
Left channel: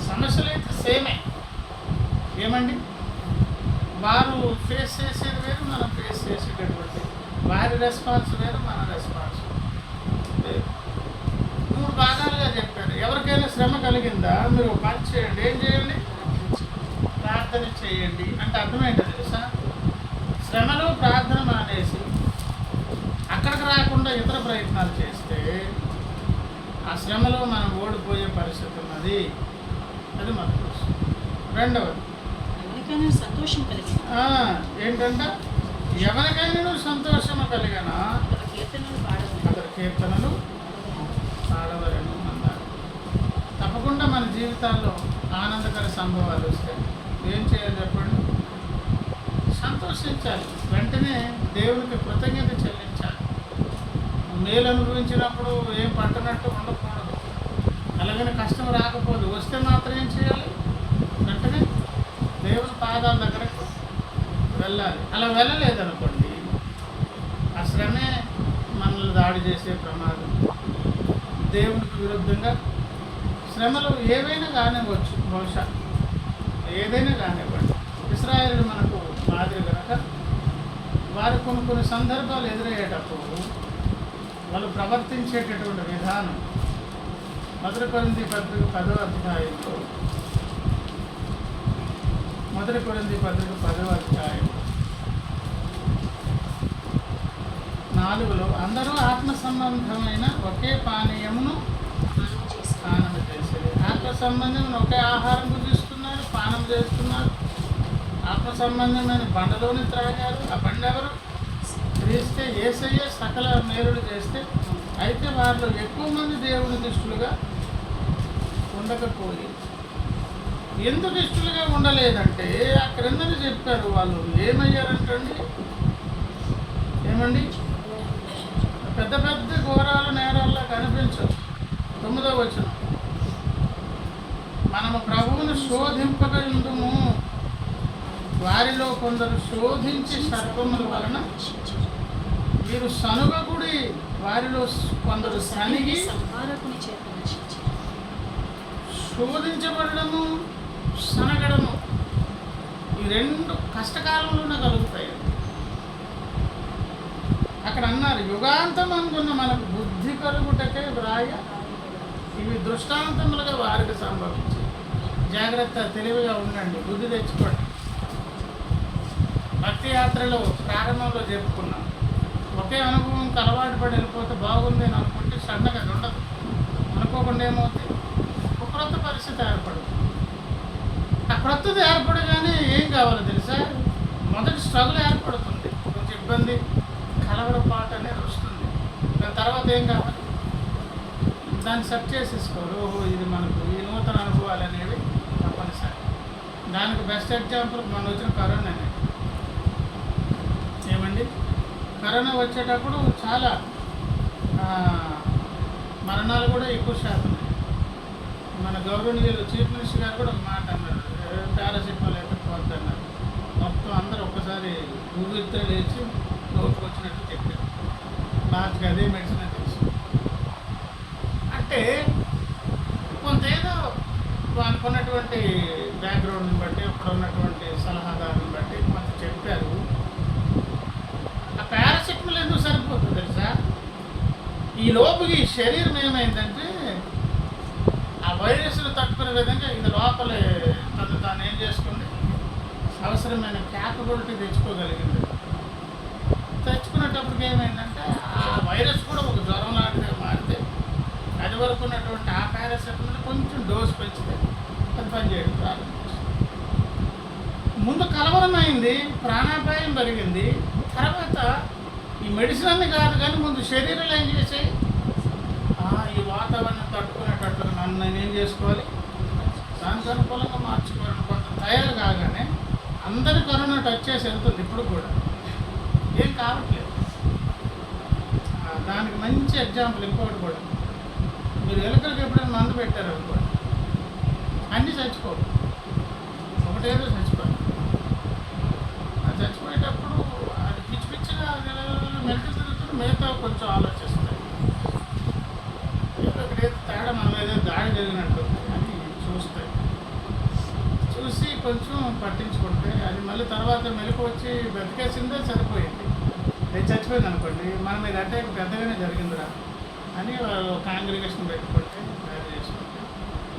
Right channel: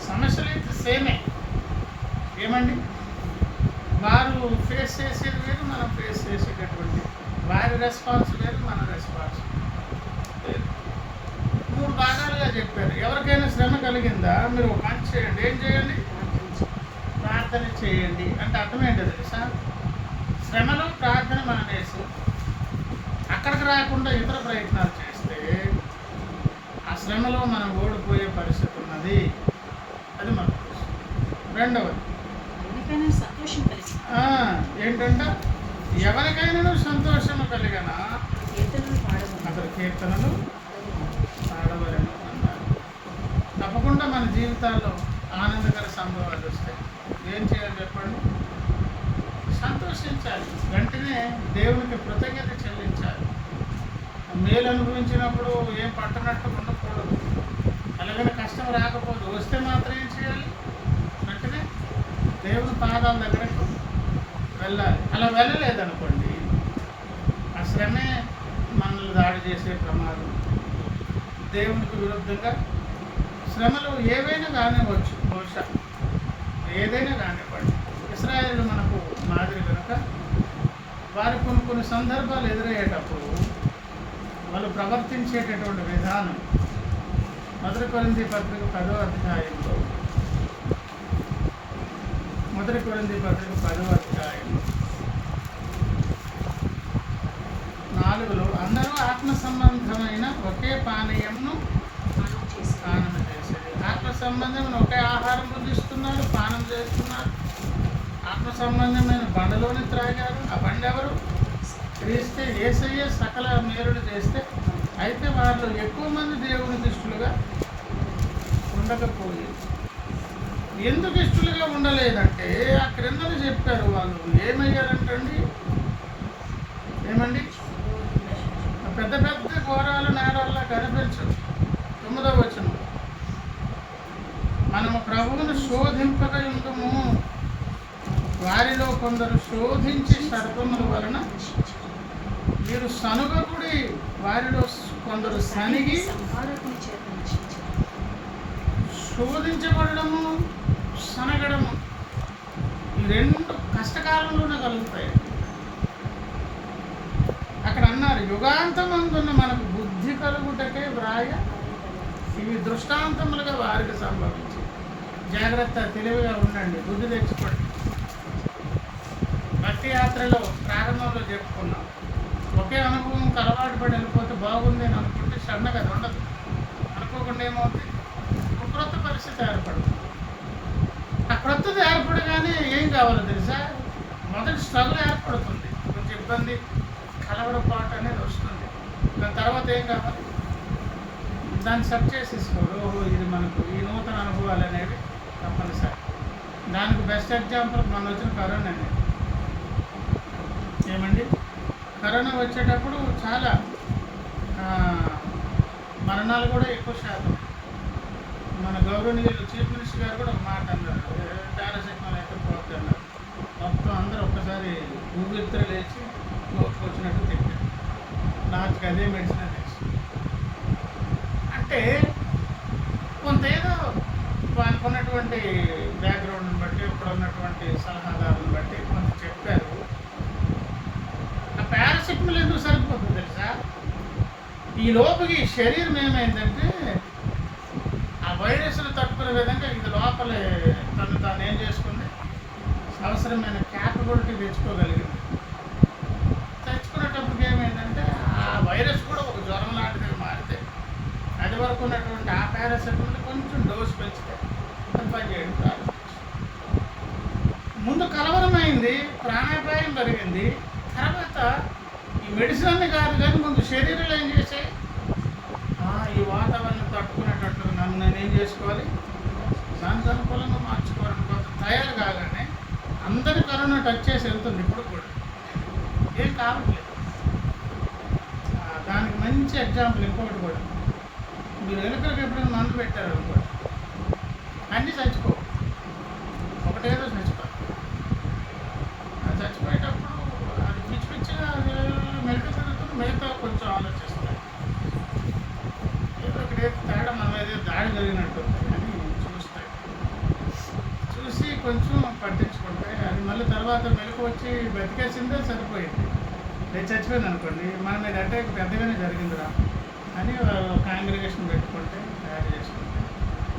సమస్యలు అయితే సేమే. ఏమండి? వారు ఫేస్ చేసేది వేరు, మనం ఫేస్ చేసేటటువంటి వారి రెస్పాన్స్ వేరు, మన రెస్పాన్స్ వేరు. 3 భాగాలుగా చెప్పారు. ఎవరికైనా శ్రమ కలిగిందా మీరు ఒక పని చేయండి. ఏం చేయండి? ప్రార్థన చేయండి. అంటే అర్థం ఏంటో తెలుసా? శ్రమలో ప్రార్థన మానేసి అక్కడికి రాకుండా ఇతర ప్రయత్నాలు చేస్తే ఆ శ్రమలో మనం ఓడిపోయే పరిస్థితి ఉన్నది. అది మనకు తెలుసు. రెండవది ఏంటంటే ఎవరికైనా సంతోషము కలిగిన అతని కీర్తనలు పాడవలను అన్నారు. తప్పకుండా మన జీవితాల్లో ఆనందకర సంభవాలు వస్తే ఏం చేయాలి చెప్పండి? సంతోషించాలి. వెంటనే దేవునికి కృతజ్ఞత చెల్లించాలి. మేలు అనుభవించినప్పుడు ఏం పట్టనట్టు ఉండకూడదు. అలాగని కష్టం రాకపోదు, వస్తే మాత్రం ఏం చేయాలి? వెంటనే దేవుని పాదాల దగ్గరకు వెళ్ళాలి. అలా వెళ్ళలేదనుకోండి, ఆ శ్రమే మనల్ని దాడి చేసే ప్రమాదం. దేవునికి విరుద్ధంగా శ్రమలు ఏవైనా కానివ్వచ్చు, బహుశా ఏదైనా కానివ్వండి. ఇశ్రాయేలు మనకు మాదిరి కనుక వారికి కొన్ని సందర్భాలు ఎదురయ్యేటప్పుడు వాళ్ళు ప్రవర్తించేటటువంటి విధానం మొదటి కొరింథీ పత్రిక 10వ అధ్యాయంలో 4లో అందరూ ఆత్మ సంబంధమైన ఒకే పానీయమును పానం చేసేది. ఆత్మ సంబంధమైన ఒకే ఆహారం భుజిస్తున్నారు, పానం చేస్తున్నారు. ఆత్మ సంబంధమైన బండలోని త్రాగారు. ఆ బండ ఎవరు? క్రీస్తే. యేసయ్య సకల మేలులు చేస్తే అయితే వారిలో ఎక్కువ మంది దేవుని దృష్టులుగా ఉండకపోయి. ఎందుకు ఇష్టలుగా ఉండలేదంటే ఆ క్రిందనే చెప్పారు. వాళ్ళు ఏమయ్యారంటండి? ఏమండి? పెద్ద పెద్ద ఘోరాలు నేరాల్లో కనిపించవు. 9వ వచనం, మనము ప్రభువును శోధింపక ఉందుము, వారిలో కొందరు శోధించి సర్పముల వలన మీరు సనుగకుడి, వారిలో కొందరు సనిగి. శోధించబడము, సనగడము ఈ రెండు కష్టకాలంలోనే కలుగుతాయి. అక్కడ అన్నారు, యుగాంతమందున్న మనకు బుద్ధి కలుగుటకే వ్రాయ ఇవి దృష్టాంతములుగా వారికి సంభవించి. జాగ్రత్త, తెలివిగా ఉండండి, బుద్ధి తెచ్చుకోండి. భక్తి యాత్రలో ప్రారంభంలో చెప్పుకున్నాం, ఒకే అనుభవంకి అలవాటు పడి వెళ్ళిపోతే బాగుంది అని అనుకుంటే సడన్గా అది ఉండదు. అనుకోకుండా ఏమవుతుంది? ఒక క్రొత్త పరిస్థితి ఏర్పడుతుంది. ఆ క్రొత్తది ఏర్పడగానే ఏం కావాలో తెలుసా? మొదటి స్ట్రగుల్ ఏర్పడుతుంది, కొంచెం ఇబ్బంది, కలవరపాటు అనేది వస్తుంది. దాని తర్వాత ఏం కావాలి? దాన్ని సెట్ చేసేసుకోరు. ఓహో, ఇది మనకు ఈ నూతన అనుభవాలు అనేవి తప్పనిసరి. దానికి బెస్ట్ ఎగ్జాంపుల్ మన వచ్చిన కరోనా అనేది. ఏమండి, కరోనా వచ్చేటప్పుడు చాలా మరణాలు కూడా ఎక్కువ శాతం. మన గౌరవనీయులు చీఫ్ మినిస్టర్ గారు కూడా ఒక మాట అన్నారు, పారాసిటమాల్ ఎక్కడిపోద్ది అన్నారు. మొత్తం అందరూ ఒక్కసారి ఊపిరితో లేచి నోటుకు వచ్చినట్టు తిప్పారు. లాస్ట్కి అదే మెడిసిన్ తెలుసు. అంటే కొంత ఏదో వానికి ఉన్నటువంటి బ్యాక్గ్రౌండ్ని బట్టి, అక్కడ ఉన్నటువంటి సలహాదారుని బట్టి కొంత చెప్పారు. ఆ పారాసిటమాల్ ఎందుకు సరిపోతుంది తెలుసా? ఈ లోపుకి శరీరం ఏమైందంటే ఆ వైరస్ను తట్టుకునే విధంగా ఇది లోపలే తాను ఏం చేసుకుంది, అవసరమైన క్యాపబిలిటీ తెచ్చుకోగలిగింది. తెచ్చుకునేటప్పటికి ఏమైందంటే ఆ వైరస్ కూడా ఒక జ్వరం లాంటిదిగా మారితే అది వరకు ఉన్నటువంటి ఆ పారాసిటమాల్ కొంచెం డోస్ పెంచితే అది పనిచేయడం ప్రారంభించింది. ముందు కలవరమైంది, ప్రాణాపాయం పెరిగింది. తర్వాత ఈ మెడిసిన్ అన్నీ కాదు కానీ ముందు శరీరాలు ఏం చేసాయి, ఈ వాతావరణం తట్టుకునేటట్లుగా నన్ను నేనేం చేసుకోవాలి, దానికి అనుకూలంగా మార్చుకోవాలని కొంత తయారు కాగానే అందరి కరోనా టచ్ చేసి వెళ్తుంది. ఇప్పుడు కూడా ఏం కావట్లేదు. దానికి మంచి ఎగ్జాంపుల్ ఇంకొకటి కూడా, మీరు ఎలుకలకు ఎప్పుడైనా మందు పెట్టారు కూడా అన్నీ చచ్చిపో, ఒకటేదో చచ్చిపోయి. అది చచ్చిపోయేటప్పుడు అది పిచ్చి పిచ్చిగా మెలకలు తిరుగుతుంది, మిగతా కొంచెం ఆలోచిస్తాయి. ఇక్కడేదో తేడా మనం ఏదో దాడి జరిగినట్టుంది అని చూస్తాయి. చూసి కొంచెం పట్టించుకుంటే అది మళ్ళీ తర్వాత మెలకు వచ్చి బతికేసిందే సరిపోయింది. నేను చచ్చిపోయింది అనుకోండి, మన మీద అటాక్ పెద్దగానే జరిగిందిరా అని కాంగ్రిగేషన్ పెట్టుకుంటే తయారు చేసుకుంటే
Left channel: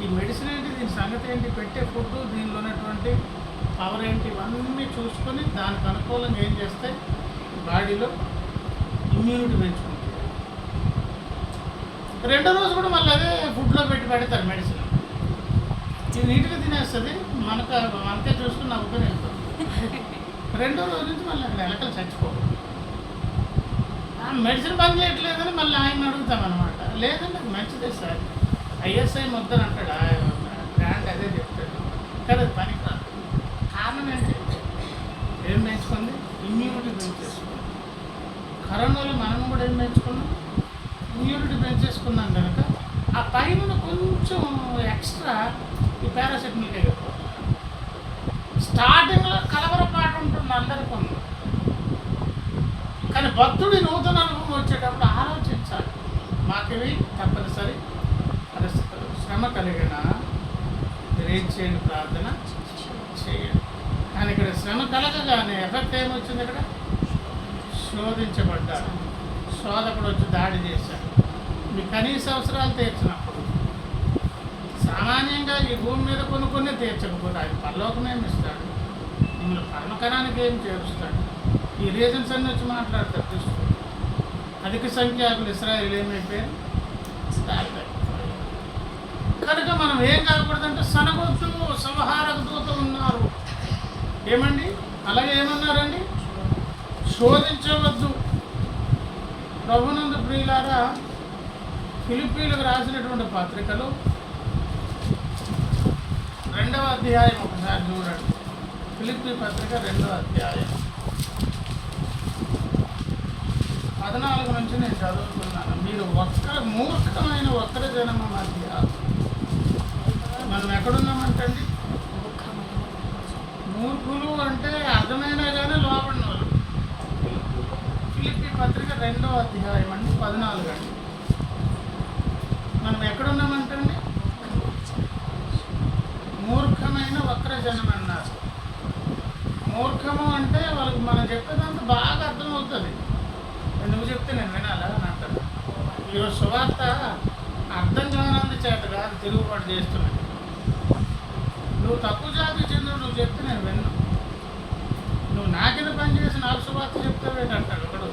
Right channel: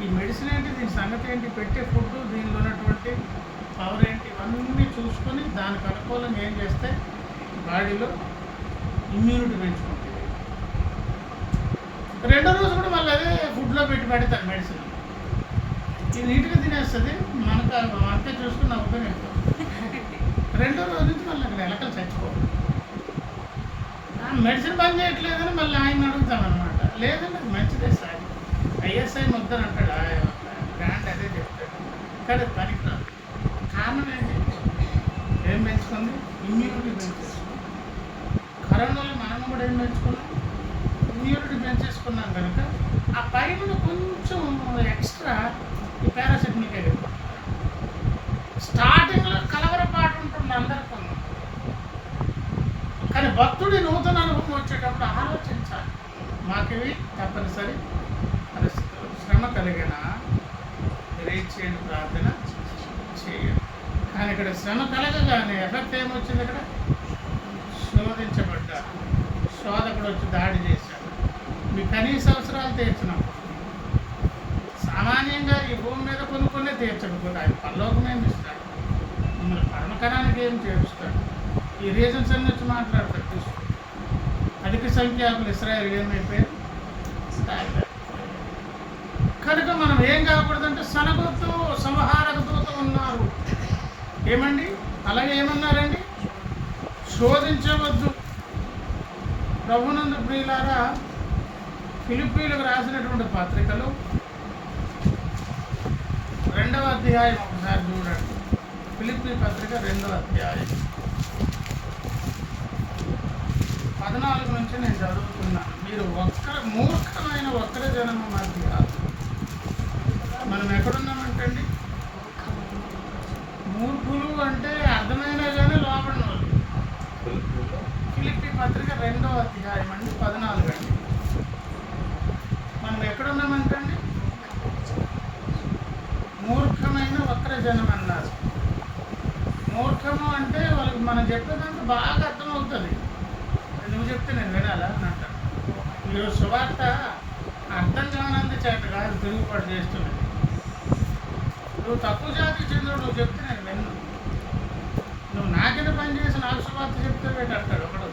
ఈ మెడిసిన్ ఏంటి, దీని సంగతి ఏంటి, పెట్టే ఫుడ్, దీనిలో ఉన్నటువంటి పవర్ ఏంటి, ఇవన్నీ చూసుకొని దానికి అనుకూలంగా ఏం చేస్తే బాడీలో ఇమ్యూనిటీ పెంచుకుంటుంది. రెండో రోజు కూడా మళ్ళీ అదే ఫుడ్లో పెడతారు మెడిసిన్. ఇది నీట్గా తినేస్తుంది, మనకే చూసుకుని నవ్వుకొని వెళ్ళిపోతుంది. రెండో రోజు నుంచి మళ్ళీ అక్కడ ఎలకలు చచ్చిపోవాలి. మెడిసిన్ పని చేయట్లేదని మళ్ళీ ఆయన అడుగుతామన్నమాట. లేదండి అది మంచిదే సార్, ఐఎస్ఐ ముద్దరు అంటాడు, బ్రాండ్ అదే చెప్తాడు, కానీ అది పనికిరాదు. కారణం ఏంటి? ఏం పెంచుకుంది? ఇమ్యూనిటీ పెంచేసుకుంది. కరోనాలో మనం కూడా ఏం పెంచుకున్నాం? ఇమ్యూనిటీ పెంచేసుకున్నాం కనుక ఆ పైన కొంచెం ఎక్స్ట్రా ఈ పారాసిటమాల్కి వెళ్ళిపోతుంది. స్టార్టింగ్లో కలవరపాటు ఉంటుంది అందరికీ, కానీ భక్తుడి నూతన అనుభవం వచ్చేటప్పుడు ఆలోచించాలి. మాకివి తప్పనిసరి పరిస్థితులు, శ్రమ కలిగిన మీరు ఏం చేయండి, ప్రార్థన చేయండి. కానీ ఇక్కడ శ్రమ కలగగానే ఎఫెక్ట్ ఏమొచ్చింది? ఇక్కడ శోధించబడ్డారు, శోధకుడు వచ్చి దాడి చేశాడు. మీ కనీస అవసరాలు తీర్చినప్పుడు సామాన్యంగా ఈ భూమి మీద కొన్ని తీర్చకపోతే ఆయన పరలోకమేమి ఇస్తాడు, మిమ్మల్ని పరమకరానికి ఏం చేరుస్తాడు? ఈ రీజన్స్ అన్ని వచ్చి మాట్లాడతాడు కృష్ణుడు. అధిక సంఖ్యాకులు ఇశ్రాయేలు ఏమైపోయారు? కనుక మనం ఏం కాకూడదంటే సనగొద్దు, సంహారక దూత ఉన్నారు. ఏమండి? అలాగే ఏమన్నారండి? శోధించవద్దు. ప్రభునందు ప్రియులారా, ఫిలిప్పీలకు రాసినటువంటి పత్రికలు 2వ అధ్యాయం ఒకసారి చూడండి. ఫిలిప్పీ పత్రిక 2వ అధ్యాయం 14 నుంచి నేను చదువుతున్నాను. మీరు మూర్ఖమైన వక్ర జనము మధ్య మనం ఎక్కడున్నామంటండి? మూర్ఖులు అంటే అర్థమైనా కానీ లోపడిన వాళ్ళు. ఫిలిప్పీ పత్రిక 2వ అధ్యాయం అండి 14 అండి. మనం ఎక్కడున్నామంటండి? మూర్ఖమైన వక్ర జనం అన్నారు. మూర్ఖము అంటే వాళ్ళకి మనం చెప్పేదంతా బాగా అర్థమవుతుంది. నువ్వు చెప్తే నేను వినాలా అని అంటాను. ఈరోజు సువార్త అర్థం కానందు చేత కాదు తిరుగుబాటు చేస్తున్నది. నువ్వు తక్కువ జాతికి చెందిన నువ్వు చెప్తే నేను విన్ను. నువ్వు నాకిన పని చేసి నాకు సువార్త చెప్తావేంటి అంటాడు ఒకడు.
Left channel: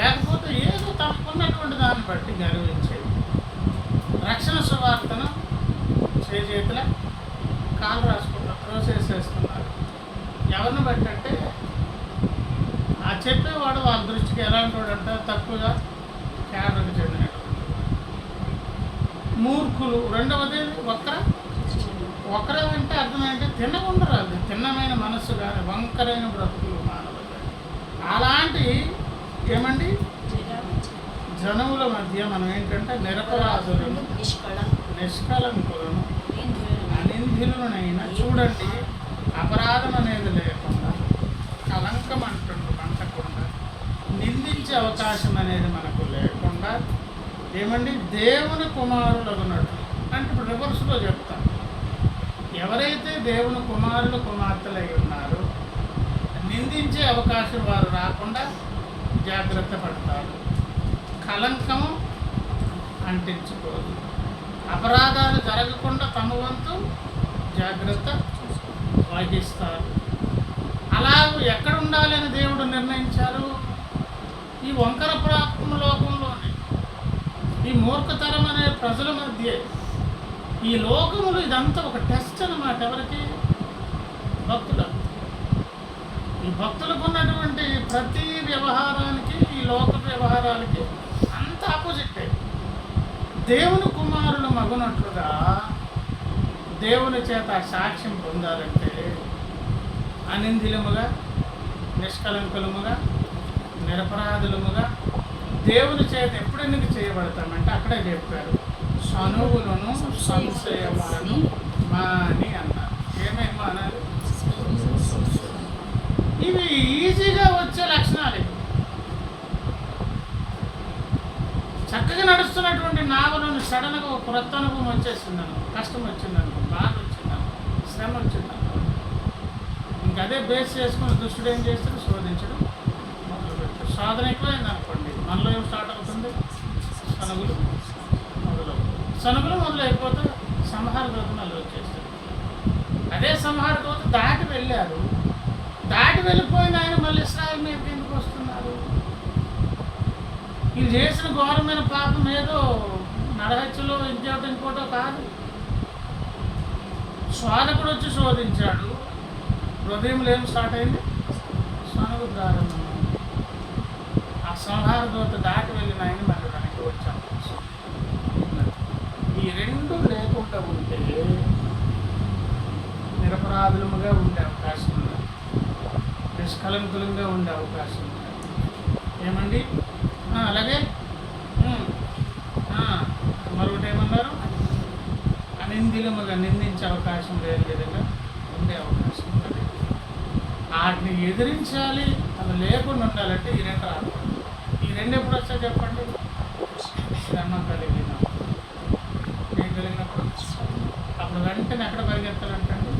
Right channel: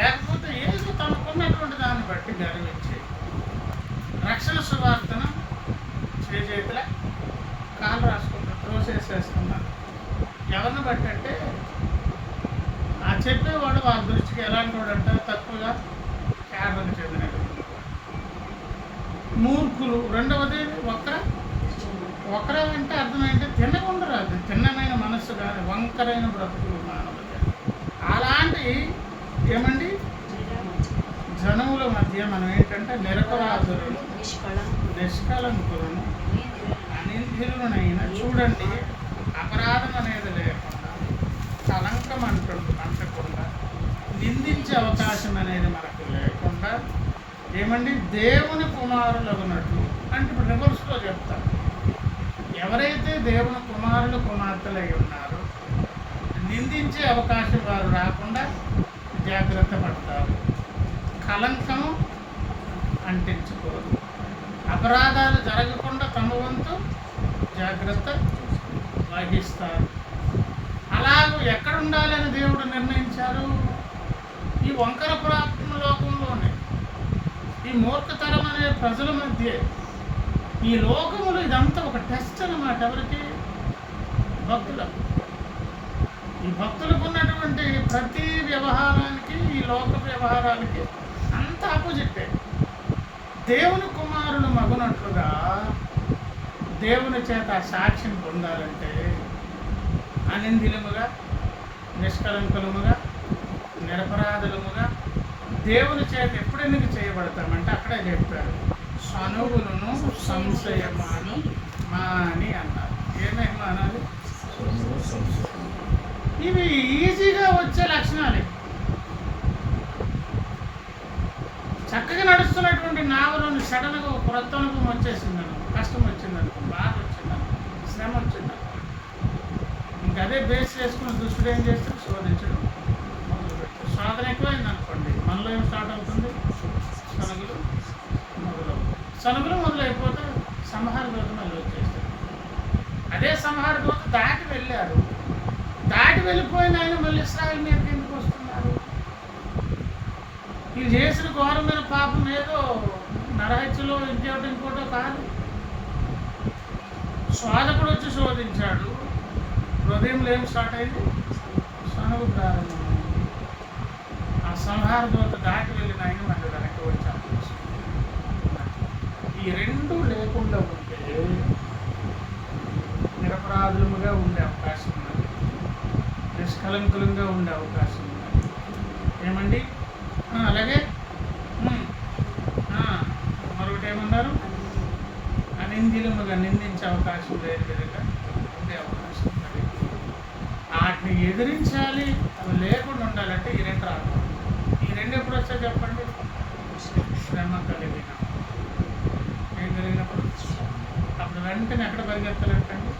లేకపోతే ఏదో తమకున్నటువంటి దాన్ని బట్టి గర్వించి రక్షణ సువార్తను చేతుల కాలు రాసుకుంటారు, త్రోసేసేస్తున్నారు. ఎవరిని బట్టి అంటే ఆ చెప్పేవాడు వాళ్ళ దృష్టికి ఎలాంటి వాడు అంటే తక్కువగా కేడలకు చెందినటువంటి వాడు. మూర్ఖులు. రెండవది వక్ర అంటే అర్థం ఏంటంటే తిన్నకుండరు. అది తిన్నమైన మనస్సు కానీ వంకరైన బ్రతుకులు మానవులు. అలాంటి ఏమండి జనముల మధ్య మనం ఏంటంటే నిరపరాధులను, నిష్కలంకులను, అనింద్యులనైనా చూడండి, అపరాధం అనేది లేకుండా, కలంకం అంటకుండా, నిందించే అవకాశం అనేది మనకు లేకుండా ఏమండి దేవుని కుమారులగునట్లు అంటే ఇప్పుడు రివర్స్లో చెప్తాను. ఎవరైతే దేవుని కుమారులు కుమార్తెలై ఉన్నారో నిందించే అవకాశం వారు రాకుండా జాగ్రత్త పడతారు. కలంకము అంటించుకోరు. అపరాధాలు జరగకుండా తమ వంతు జాగ్రత్త వహిస్తారు. అలా ఎక్కడ ఉండాలని దేవుడు నిర్ణయించారు? ఈ వంకర ప్రాప్తం లోకంలోనే, ఈ మూర్ఖతరం అనే ప్రజల మధ్య, ఈ లోకములు ఇదంతా ఒక టెస్ట్ అన్నమాట. ఎవరికి? భక్తులకు. ఈ భక్తులకు ఉన్నటువంటి ప్రతి వ్యవహారానికి, ఈ లోక వ్యవహారాలకి అంత ఆపోజిటే. దేవుని కుమారులు మగునట్లుగా దేవుని చేత సాక్ష్యం పొందాలంటే అనిందిలముగా, నిష్కలంకులముగా, నిరపరాధులముగా దేవుని చేత ఎప్పుడు ఎందుకు చేయబడతామంటే అక్కడే చెప్పారు, సనువులను సంశయమాను మాని అన్నారు. ఏమేమి మానాలి? ఇవి ఈజీగా వచ్చే లక్షణాలు. చక్కగా నడుస్తున్నటువంటి నావలోని సడన్గా ఒక క్రొత్త అనుభవం వచ్చేసిందనుకో, కష్టం వచ్చిందనుకో, బాధ వచ్చిందనుకో, శ్రమ వచ్చిందనుకో, ఇంకదే బేస్ చేసుకుని దుష్టుడు ఏం చేస్తాడు? శోధించడం మొదలుపెట్టాడు. శోధన ఎక్కువైంది అనుకోండి, మనలో ఏం స్టార్ట్ అవుతుంది? సనుగులు మొదలవుతాయి. సనుగులు మొదలైపోతే సంహార దూత మళ్ళీ వచ్చేస్తాడు. అదే సంహార దూత దాటి వెళ్ళారు. దాటి వెళ్ళిపోయిన ఆయన మళ్ళీ ఇశ్రాయేలు మీదకి ఎందుకు వస్తున్నారు? ఇది చేసిన ఘోరమైన పాపం ఏదో నరహత్యలో ఇంకోటో కాదు. శోధకుడు వచ్చి శోధించాడు. హృదయంలో ఏం స్టార్ట్ అయింది? సనుగు ప్రారంభం. ఆ సంహార దూత దాటి వెళ్ళిన ఆయన మళ్ళీ వెనక్కి వచ్చాము. ఈ రెండు లేకుండా ఉంటే నిరపరాధులముగా ఉండే అవకాశం ఉన్నది, నిష్కలంకులంగా ఉండే అవకాశం ఉన్నది. ఏమండి? అలాగే మరొకటి ఏమన్నారు? అనిందిలముగా నిందించే అవకాశం లేని విధంగా ఉండే అవకాశం ఉన్నది. వాటిని ఎదిరించాలి, అవి లేకుండా ఉండాలంటే ఈ రెండు రాదు. ఈ రెండు ఎప్పుడు వచ్చా చెప్పండి? శ్రమ కలిగినప్పుడు. ఏం కలిగినప్పుడు? అప్పుడు వెంటనే ఎక్కడ పరిగెత్తాలంటండి?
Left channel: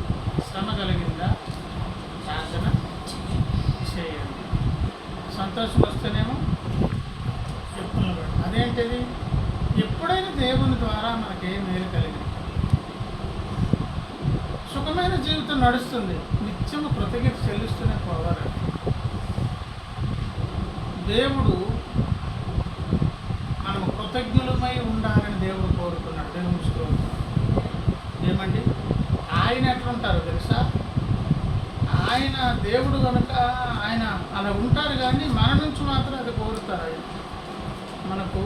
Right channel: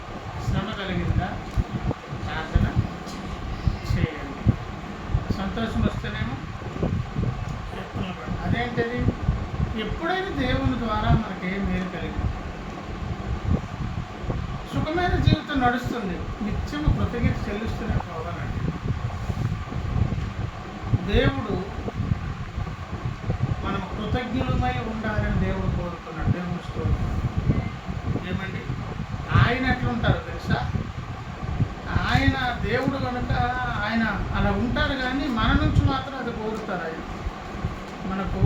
శ్రమ కలిగిందా ప్రార్థన చేయండి. సంతోషం వస్తేనేమో చెప్పులు పడి. అదేంటిది? ఎప్పుడైనా దేవుని ద్వారా మనకి ఏ మేలు కలిగింది. సుఖమైన జీవితం నడుస్తుంది, నిత్యము కృతజ్ఞత చెల్లిస్తూనే పోవాలండి. దేవుడు మనము కృతజ్ఞులమై ఉండాలని దేవుడు కోరుకున్నాడు. దేవుడు స్తోత్రం. ఏమండి, ఆయన ఎట్లుంటారో తెలుసా? ఆయన దేవుడు కనుక ఆయన అలా ఉంటారు, కానీ మన నుంచి మాత్రం అది కోరుతారు. ఆయన మనకు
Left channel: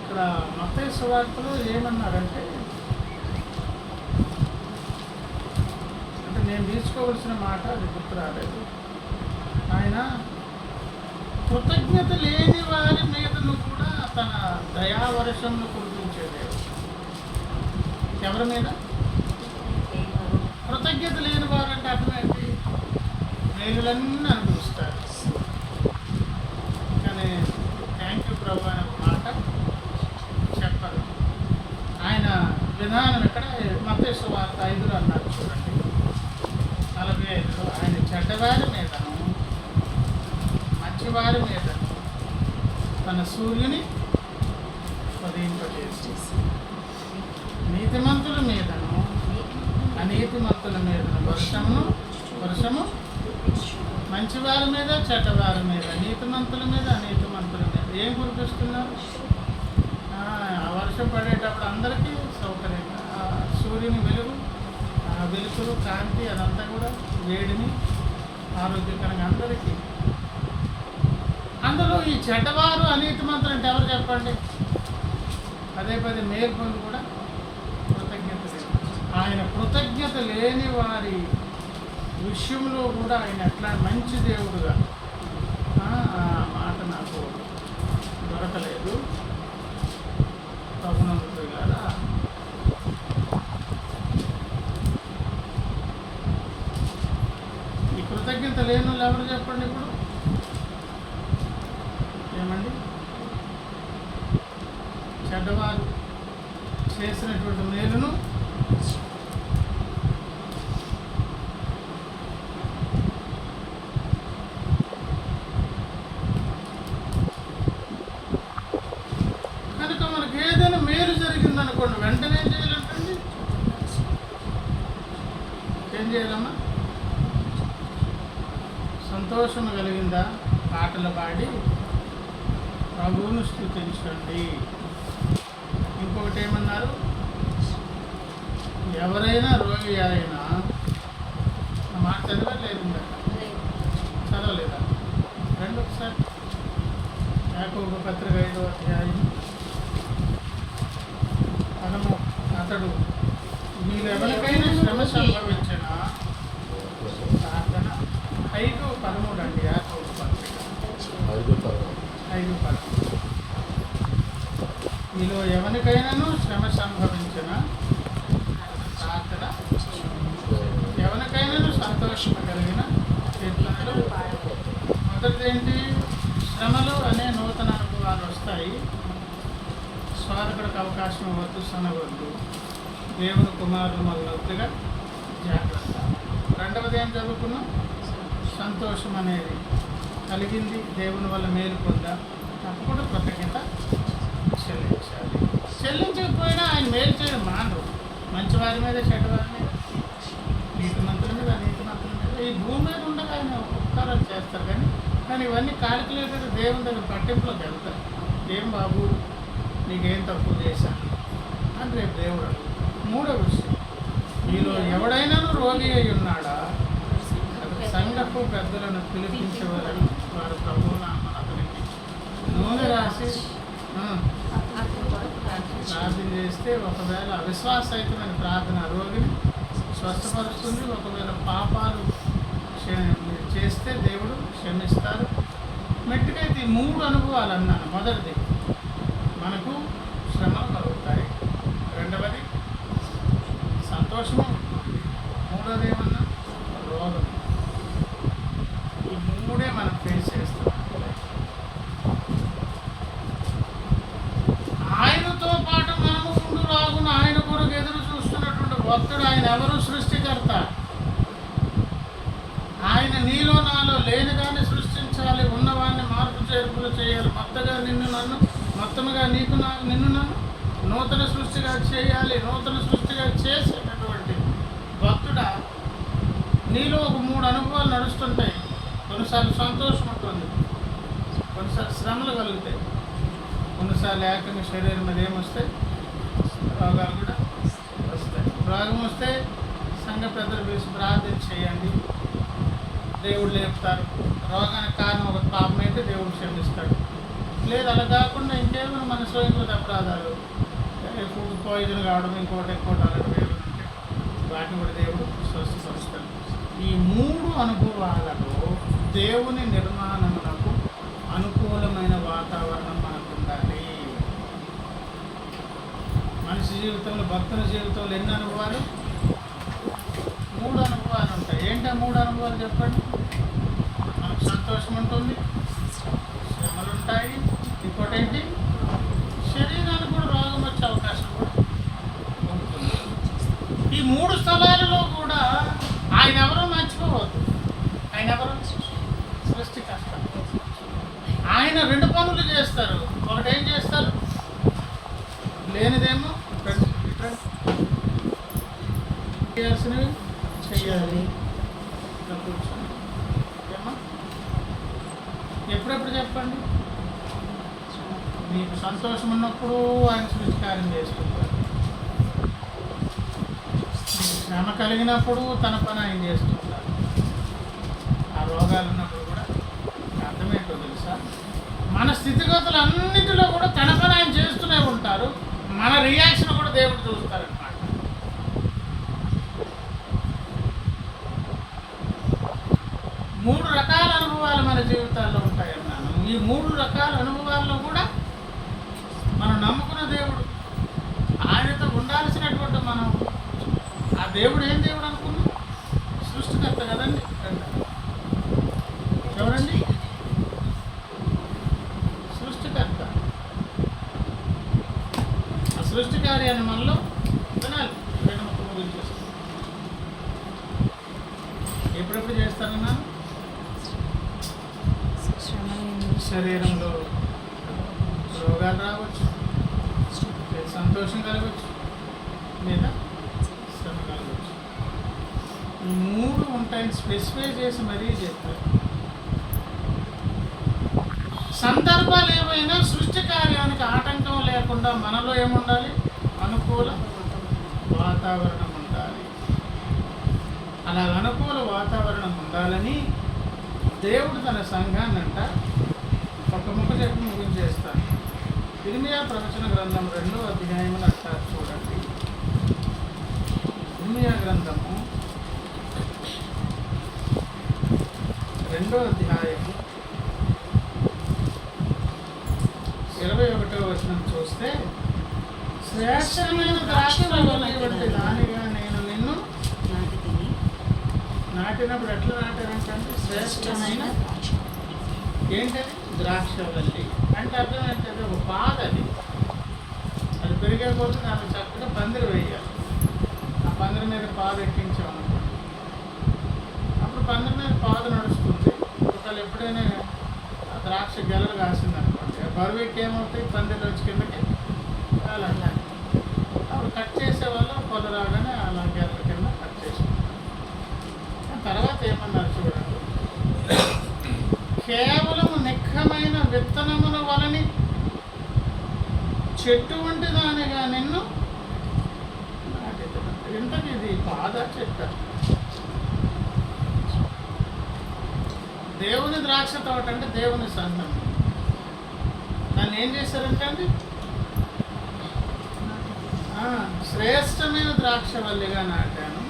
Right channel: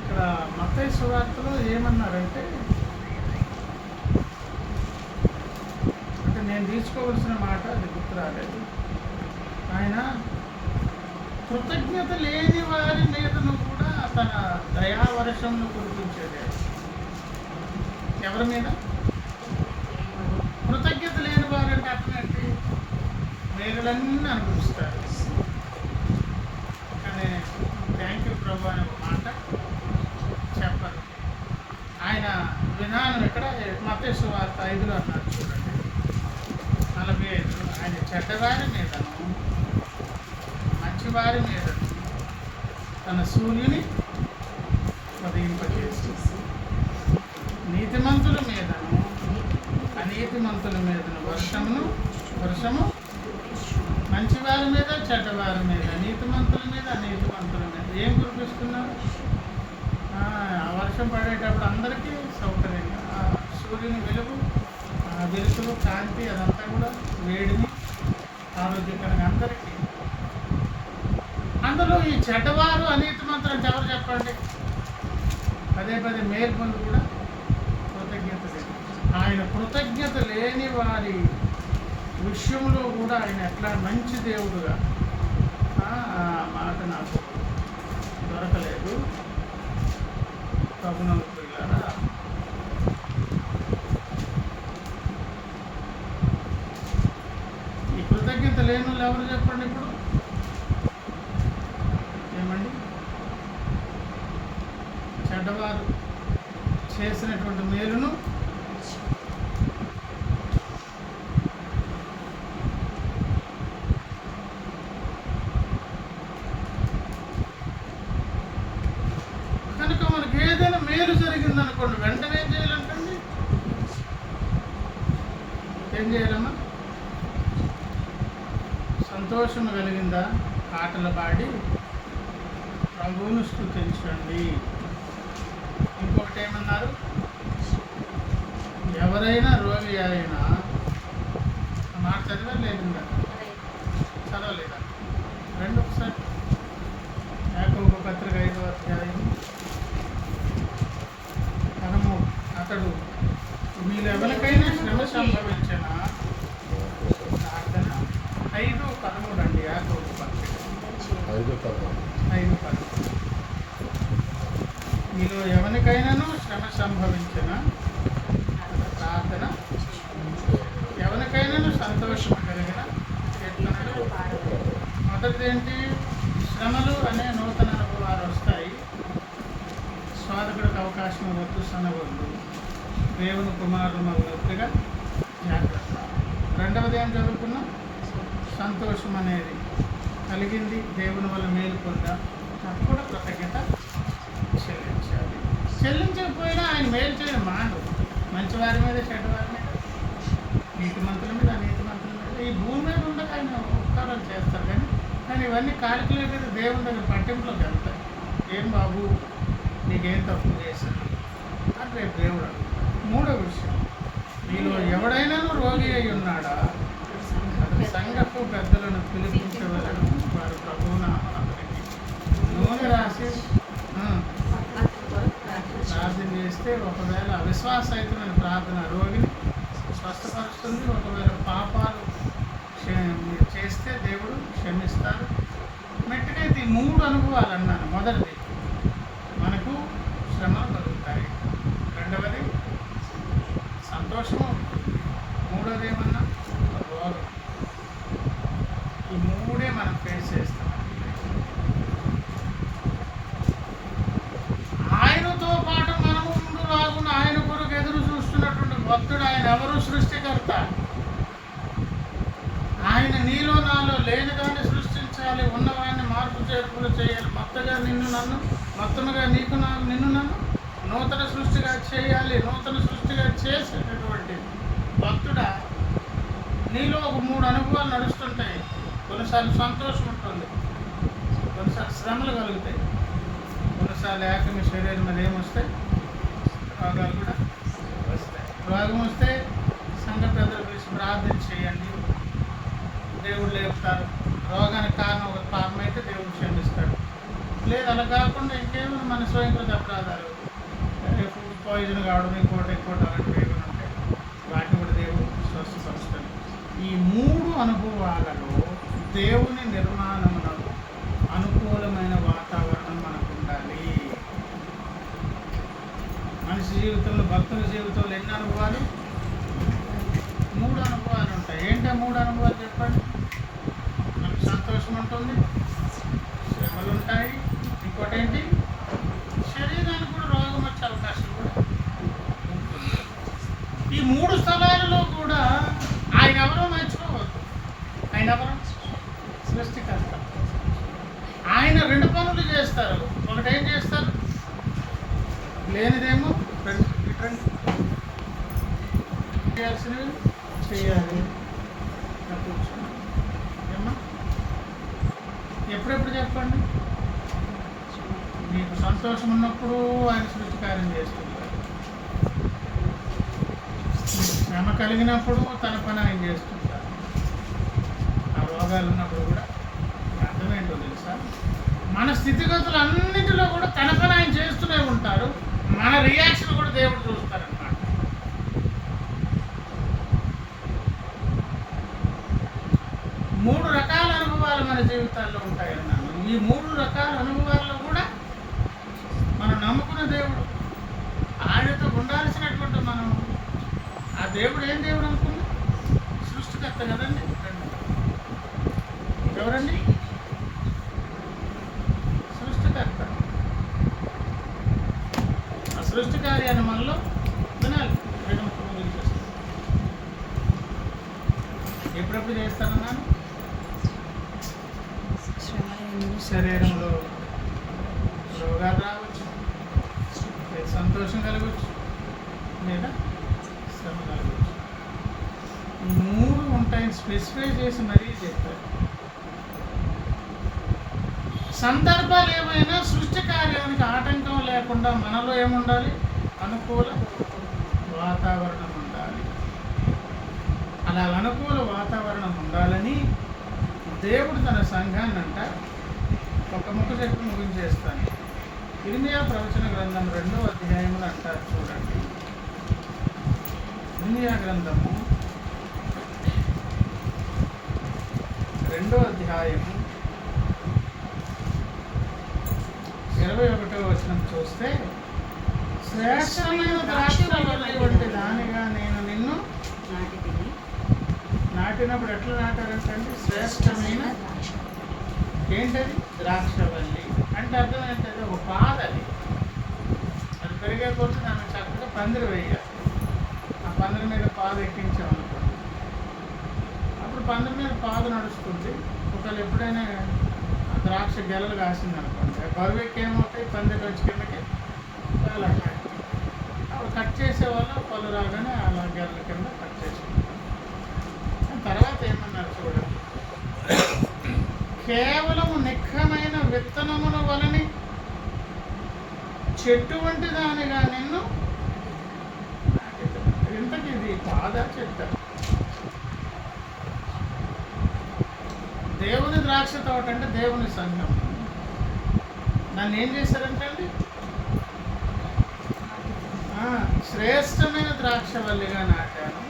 ఇక్కడ మత్తయి సువార్తలో ఏమన్నారంటే, అంటే నేను తీసుకోవలసిన మాట అది గుర్తు రాలేదు. ఆయన కృతజ్ఞత లేని వారి మీదను కూడా తన దయావర్షంను కురిపించేదేవు. ఎవరి మీద? కృతజ్ఞత లేని వారంటే అర్థం ఏంటి? మేలులన్నీ అనుభవిస్తారు, కానీ థ్యాంక్ యూ ప్రభు అనే ఒక మాట చెప్పరు. ఆయన విధానం ఎక్కడ? మత్తయి సువార్త 5లో అన్నారు చూడండి, 45లో. ఆయన చెడ్డవారి మీదను మంచివారి మీదను తన సూర్యుని ఉదయింపజేసి నీతిమంతుల మీదను అనీతిమంతుల మీదను వర్షము మంచివారి మీద చెడ్డవారి మీద, నీతిమంతుల మీద అనీతిమంతుల మీద ఏం కురిపిస్తున్నారు? ఆ వర్షం పడేటప్పుడు అందరికీ సౌకర్యంగా సూర్యుని వెలుతురు కాంతి అదంతా కూడా వేడిని ఆరోగ్యకరంగా అందరికీ. అందులో ఈ చెడ్డవారు అనీతిమంతులు అంటే ఎవరు చెప్పండి? పదే మేలు పొంది కూడా కృతజ్ఞత లేదు. ఆయన కృతజ్ఞత లేని వారి విషయంలో కూడా ఆయన ఎట్లా మంచి దేవుడుగా, ఆ మాట నాకు దొరకలేదు. ప్రభునందు ఇలారా ఈ కృతజ్ఞత లేని వాళ్ళు ఎవరు చెప్పండి ఇప్పుడు? ఏమండి, చెడ్డవారు చేసినటువంటి మేలును కనుక మనకు ఏదైనా మేలు జరిగిందనుకోండి, వెంటనే ఏం చేయాలంటండి? ఏం చేయాలమ్మా? సంతోషం కలిగిందా? పాటలు పాడి ప్రభువును స్తుతించండి. ఇంకొకటి ఏమన్నారు? ఎవరైనా రోగి అయినా, ఆ మాట చదివారు లేదు, చదవలేదా? రెండు ఒకసారి యాకోబు పత్రిక 5వ అధ్యాయం 13. అతడు మీరు ఎవరికైనా శ్రమ సంభవించిన ప్రార్థన 5:13 అండి. యాకోబు పత్రిక 5:13. మీలో ఎవరికైనాను శ్రమ సంభవించిన ప్రార్థన, ఎవరికైనాను సంతోషం కలిగిన కీర్తనలు. మొదటిది ఏంటి? శ్రమలు అనే నూతన అనుభవాలు వస్తాయి. స్వాదకుడికి అవకాశం ఇవ్వద్దు, సనవద్దు. దేవుని కుమారులు మొదలుగా జాగ్రత్త. రెండవది ఏం చదువుకున్నాం? సంతోషం అనేది కలిగింది, దేవుని వల్ల మేలు పొందా, తప్పకుండా కృతజ్ఞత చెల్లించాలి. చెల్లించకపోయినా ఆయన మేలు చేయడం మానవు. మంచివారి మీద చెడ్డవారి మీద, నీతిమంతుల మీద అనీతిమంతుల మీద, ఈ భూమి మీద ఉండగా ఆయన ఉపకారాలు చేస్తారు. కానీ ఇవన్నీ కాలిక్యులేటెడ్ దేవుని దగ్గర పట్టింపులోకి వెళ్తాయి. ఏం బాబు నీకేం తప్పు చేశాను అని రేపు దేవుడు అడుగుతాడు. మూడో విషయం, మీలో ఎవడైనాను రోగి అయి ఉన్నాడా? అతని సంఘపు పెద్దలను పిలిపించవలను, వారు ప్రభువునామమున అతనికి నూనె రాసి ప్రార్థన చేస్తే, ఒకవేళ అవిశ్వాసహితమైన ప్రార్థన రోగిని స్వస్థపరుస్తుంది. ఒకవేళ పాపాలు చేస్తే దేవుడు క్షమిస్తారు. మెట్టుకైతే ఈ 3 అనుభవాలు అన్నాను. మొదటిది, మనకు శ్రమలు కలుగుతాయి. రెండవది, సంతోషము ఉంటుంది. ఆయన ఎవరు? సృష్టికర్త. ఆయన నీలో నాలో లేనిదాన్ని సృష్టించాలి, ఉన్నవాడిని మార్పు చేర్పులు చేయాలి, మొత్తముగా నిన్ను నన్ను నూతన సృష్టిగా చేయాలి. నూతన సృష్టిగా చేసేటటువంటి భక్తుడా, నీలో ఒక 3 అనుభవాలు నడుస్తుంటాయి. కొన్నిసార్లు సంతోషం ఉంటుంది, కొన్నిసార్లు శ్రమలు కలుగుతాయి, కొన్నిసార్లు ఏకంగా శరీరం మీద ఏమొస్తాయి? రోగాలు కూడా వస్తాయి. రోగం వస్తే సంఘ పెద్దలు పిలిచి ప్రార్థన చేయండి, దేవుడు లేపుతారు. రోగానికి కారణం ఒక పాపం అయితే దేవుడు క్షమిస్తాడు. లేదు అలా కాకుండా ఇంకేమైనా మన స్వయంకృత అపరాధాలు, ఫుడ్ పాయిజన్ కావడం, ఇంకోటి అలాంటివి ఏమైనా ఉంటాయి, వాటిని కూడా దేవుడు స్వస్థపరుస్తాడు. ఈ 3 అనుభవాలలో దేవుని నిర్మాణమునకు అనుకూలమైన వాతావరణం మనకు ఉండాలి. మనిషి జీవితంలో, భక్తుని జీవితంలో ఎన్ని అనుభవాలు? 3 అనుభవాలు ఉంటాయి. ఏంటో 3 అనుభవాలు చెప్పండి. మనకు సంతోషం ఉంటుంది, శ్రమలు ఉంటాయి, ఇంకోటి ఏంటి? శరీరానికి కూడా రోగం వచ్చే అవకాశం కూడా ఉంటుంది. ఈ 3 స్థలాలలో కూడా ఆయన ఎవరో మర్చిపోవద్దు. ఆయన ఎవరో? సృష్టికర్త. ఆయన 2 పనులు చేస్తారు. ఒకటి ఏం చేస్తారు? లేనిదేమో చేయాల్సినవి చెయ్యాలి. కూర్చున్నాం ఏమ్మా? ఎప్పుడెప్పుడు చెప్పండి. మీకు సంతోషం ఉన్నప్పుడు ఆయన సృష్టి కార్యం చేస్తుంటారు. శ్రమ కలిగినప్పుడు తన పని ఆయన చేస్తుంటారు. ఆ రోగాలు ఉన్నప్పుడు కూడా అర్థమేంటో తెలుసా? మన స్థితిగతులన్నింటిలో కూడా తన పని ఆయన చేస్తూనే ఉంటారు. మన రియాక్షన్ కూడా దేవుడు చూస్తారనమాట. మూడు రకాల అనుభవాలు మన జీవితాల్లో ఉంటాయన్నాను. ఈ 3 రకాల అనుభవాల్లో కూడా మనం నమ్ముకున్న దేవుడు, ఆయనతో ఉండాల్సినటువంటి మనం, ఆ దేవుడు ఏం దేవుడు అనుకున్నాం? సృష్టికర్త కదండి. ఎవరండి? సృష్టికర్త. ఆ సృష్టి కార్యాన్ని మనలో వినాలి. ముగించేస్తాను. ఎప్పుడెప్పుడు చేస్తానన్నాను? శరీరంలో రోగాలు రావచ్చు, సంతోషం కలగవచ్చు, లేదా శ్రమ కలగవచ్చు. 3 ఉంటాయని స్పెసిఫై చేసి మరీ చెప్తారు. సందర్భాలు ఏమైనా సృష్టి కార్యానికి ఆటంకం లేకుండా మనలో ఏముండాలి? అనుకూల వాతావరణం ఉండాలి. అలా అనుకూల వాతావరణం ఉండాలని దేవుడు తన సంఘాన్ని అంట ఒక ముక్క చెప్పి ముగించేస్తాను. ఇర్మియా ప్రవచన గ్రంథం 2వ అధ్యాయములు అంటారు చూడండి. ఇర్మియా గ్రంథము 2వ అధ్యాయము 21వ వచనం చూస్తే, శ్రేష్టమైన ద్రాక్షవల్లి వంటి దానిగా నేను నిన్ను నాటినప్పుడు ఎట్లా నాటారంటే శ్రేష్టమైన ఏంటది? ద్రాక్షవల్లి అంటే అర్థం ఏంటది? ఒక పాద. అది పెరిగే కొద్ది దానికి చక్కగా పందిరి వేయాలి. ఆ పందిరి మీద పాద ఎక్కించామనుకోండి, అప్పుడు పందిరి మీద పాద నడుస్తుంది. ఒకవేళ ఎప్పుడైనా ద్రాక్ష గెలలు కాసిందనుకోండి, బరువు ఎక్కి ఏమవుతాయి? పందిరి వచ్చి కిందకి వేలాడతాయి. అప్పుడు కట్ చేసేవాళ్ళు పొల రాగానే అలా గెలల కింద కట్ చేసుకుంటారు. తర్వాత ఏమన్నారు చూడండి, కేవలం నిఖమైన విత్తనముల వలని చెట్టు వంటి దానిగా నిన్ను ఇంతకి ఇది పాద చెట్ట. దేవుని ద్రాక్ష తోట అంటే దేవుని సంఘం. దాన్ని ఏం చేశారంటే అండి, శ్రేష్టమైన ద్రాక్షవల్లిగా నాటాను.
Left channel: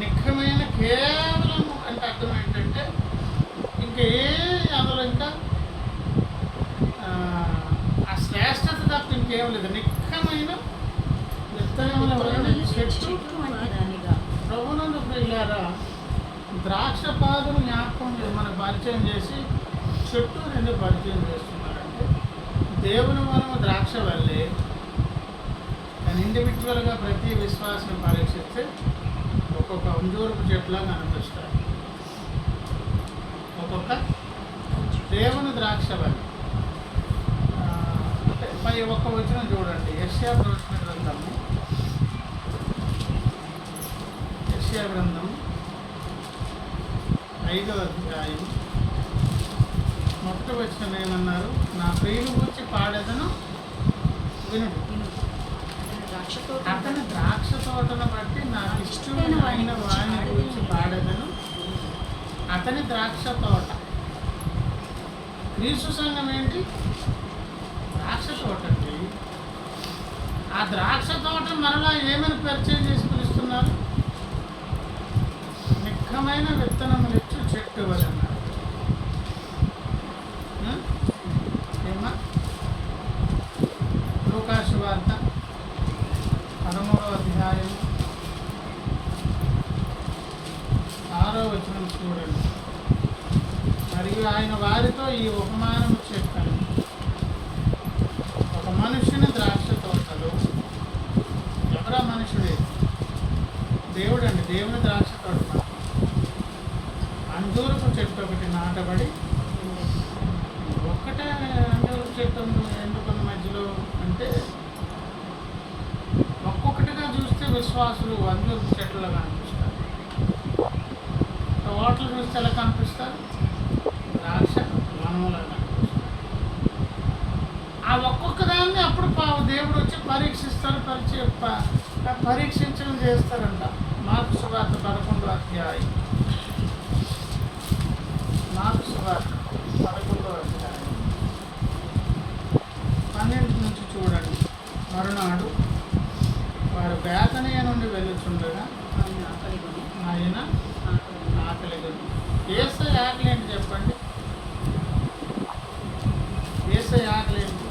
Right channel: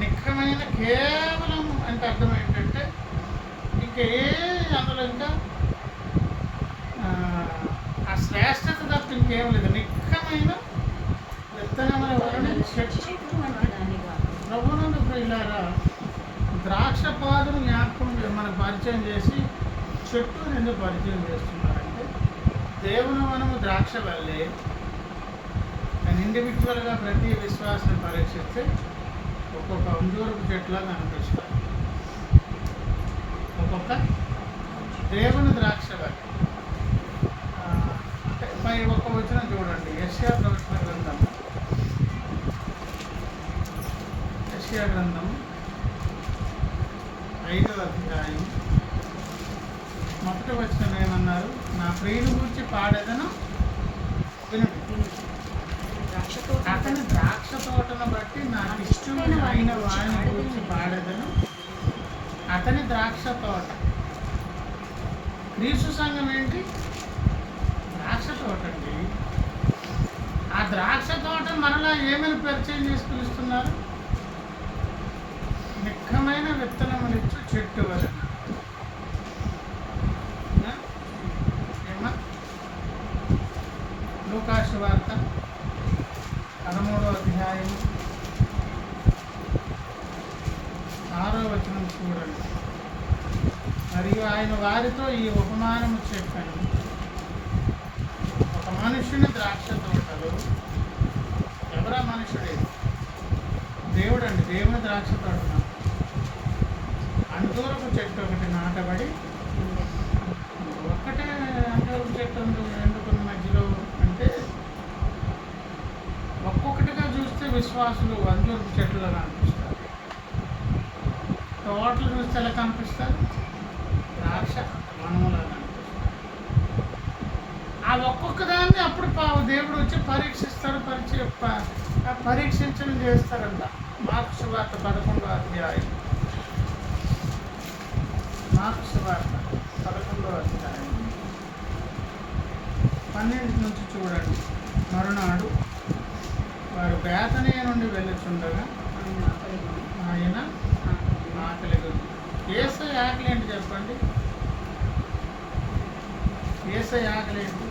నిఖమైన కేవలం అంటే అర్థం ఏంటంటే ఇంకా అందులో ఇంకా ఆ శ్రేష్టత తప్ప ఇంకేం లేదు. నిఖమైన విత్తనముల వలన చెట్టు ప్రభునందు ప్రియులారా, ద్రాక్ష పాదును జ్ఞాపకం మనకు పరిచయం చేసి చెట్టు ఎందుకు పరిచయం చేస్తున్నారంటే, దేవుని మనము ద్రాక్ష వల్లే కానీ ఇండివిజువల్గా ప్రతి విశ్వాసం పరీక్షిస్తే ఒక్కొక్క అంజూరపు చెట్లాగా అనిపిస్తాయి. ఒక్కొక్క దేవుని ద్రాక్షవల్లి. అంటే పై ఒక్క వచనం చూడండి, యెషయా ప్రవచన గ్రంథము, యెషయా గ్రంథము 5వ అధ్యాయం 1వ వచనం ఏమన్నారు? నా ప్రియుని గూర్చి పాడేదను వినుడు. అతని ద్రాక్ష తోటను బట్టి నాకు ఇష్టమైన వాడిని గురించి పాడేదను. అతని ద్రాక్ష తోట. క్రీస్తు సంఘం ఏంటి? ద్రాక్ష తోట అండి. ఆ ద్రాక్ష తోట మరలా ఏమైనా పరిచయం చేసి పిలుస్తున్నారు? నిక్కమైన విత్తనములు ఇచ్చు చెట్టు వలన. ఏమా? లూకాసు వార్త 13వ అధ్యాయం 6వ వచనం చూడండి. మరియు ఆయన వారితో ఈ ఉపమానము చెప్పాను. ఒక మనుషుని ద్రాక్ష తోటలో, ఎవరా మనుషుడే? దేవుడు అండి. దేవుని ద్రాక్ష తోట అంజూరపు చెట్టు ఒకటి నాటబడి, ఒక్కటే అంజూరపు చెట్టు ఎందుకున్న మధ్యలో అంటే, ఒక్కొక్కటిగా చూస్తే విశ్వాసులు అంజూరపు చెట్లుగా కనిపిస్తారు. తోటలు చూస్తే ఎలా కనిపిస్తారు? ద్రాక్ష వనములా కనిపిస్తారు. ఆ ఒక్కొక్క దాన్ని అప్పుడు దేవుడు వచ్చి పరీక్షిస్తాడు, పరీక్షించడం చేస్తారంట. మార్కు సువార్త 11వ అధ్యాయం, మార్కు సువార్త 11వ అధ్యాయం 12 నుంచి చూడండి. మరునాడు వారు బేతనీయ నుండి వెళ్ళుచుండగా ఆయన ఆకలి. యేసయ్య ఆకలి ఏంటి చెప్పండి? యేసయ్య ఆకలి ఏంటి?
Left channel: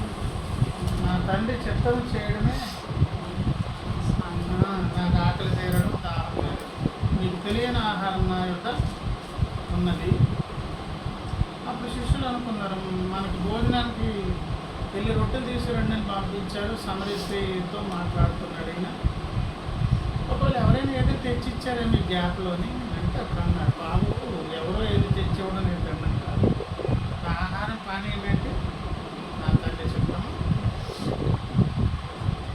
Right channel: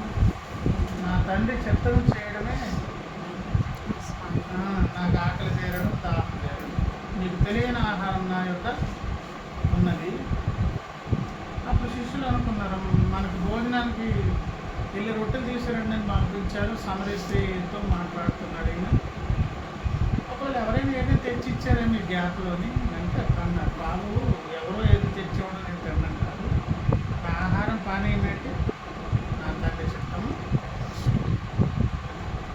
నా తండ్రి చిత్తము చేయడమే నాకు ఆకలి తీరడం, దాహం తీరడం. మీకు తెలియని ఆహారం నా యొక్క ఉన్నది. అప్పుడు శిష్యులు అనుకున్నారు, మనకు భోజనానికి వెళ్ళి రొట్టెలు తీసుకురండి అని పంపించారు. సమరీ స్త్రీతో మాట్లాడుతున్నాడు ఈయన. ఒకవేళ ఎవరైనా ఏదో తెచ్చిచ్చారేమో గ్యాప్లోని అంటే అప్పుడు అన్నారు, బాబు ఎవరో ఏదో తెచ్చివ్వడం నేను తిన్నాను కాదు, ఆహారం పానీయం ఏంటి? నా తండ్రి చిత్తము.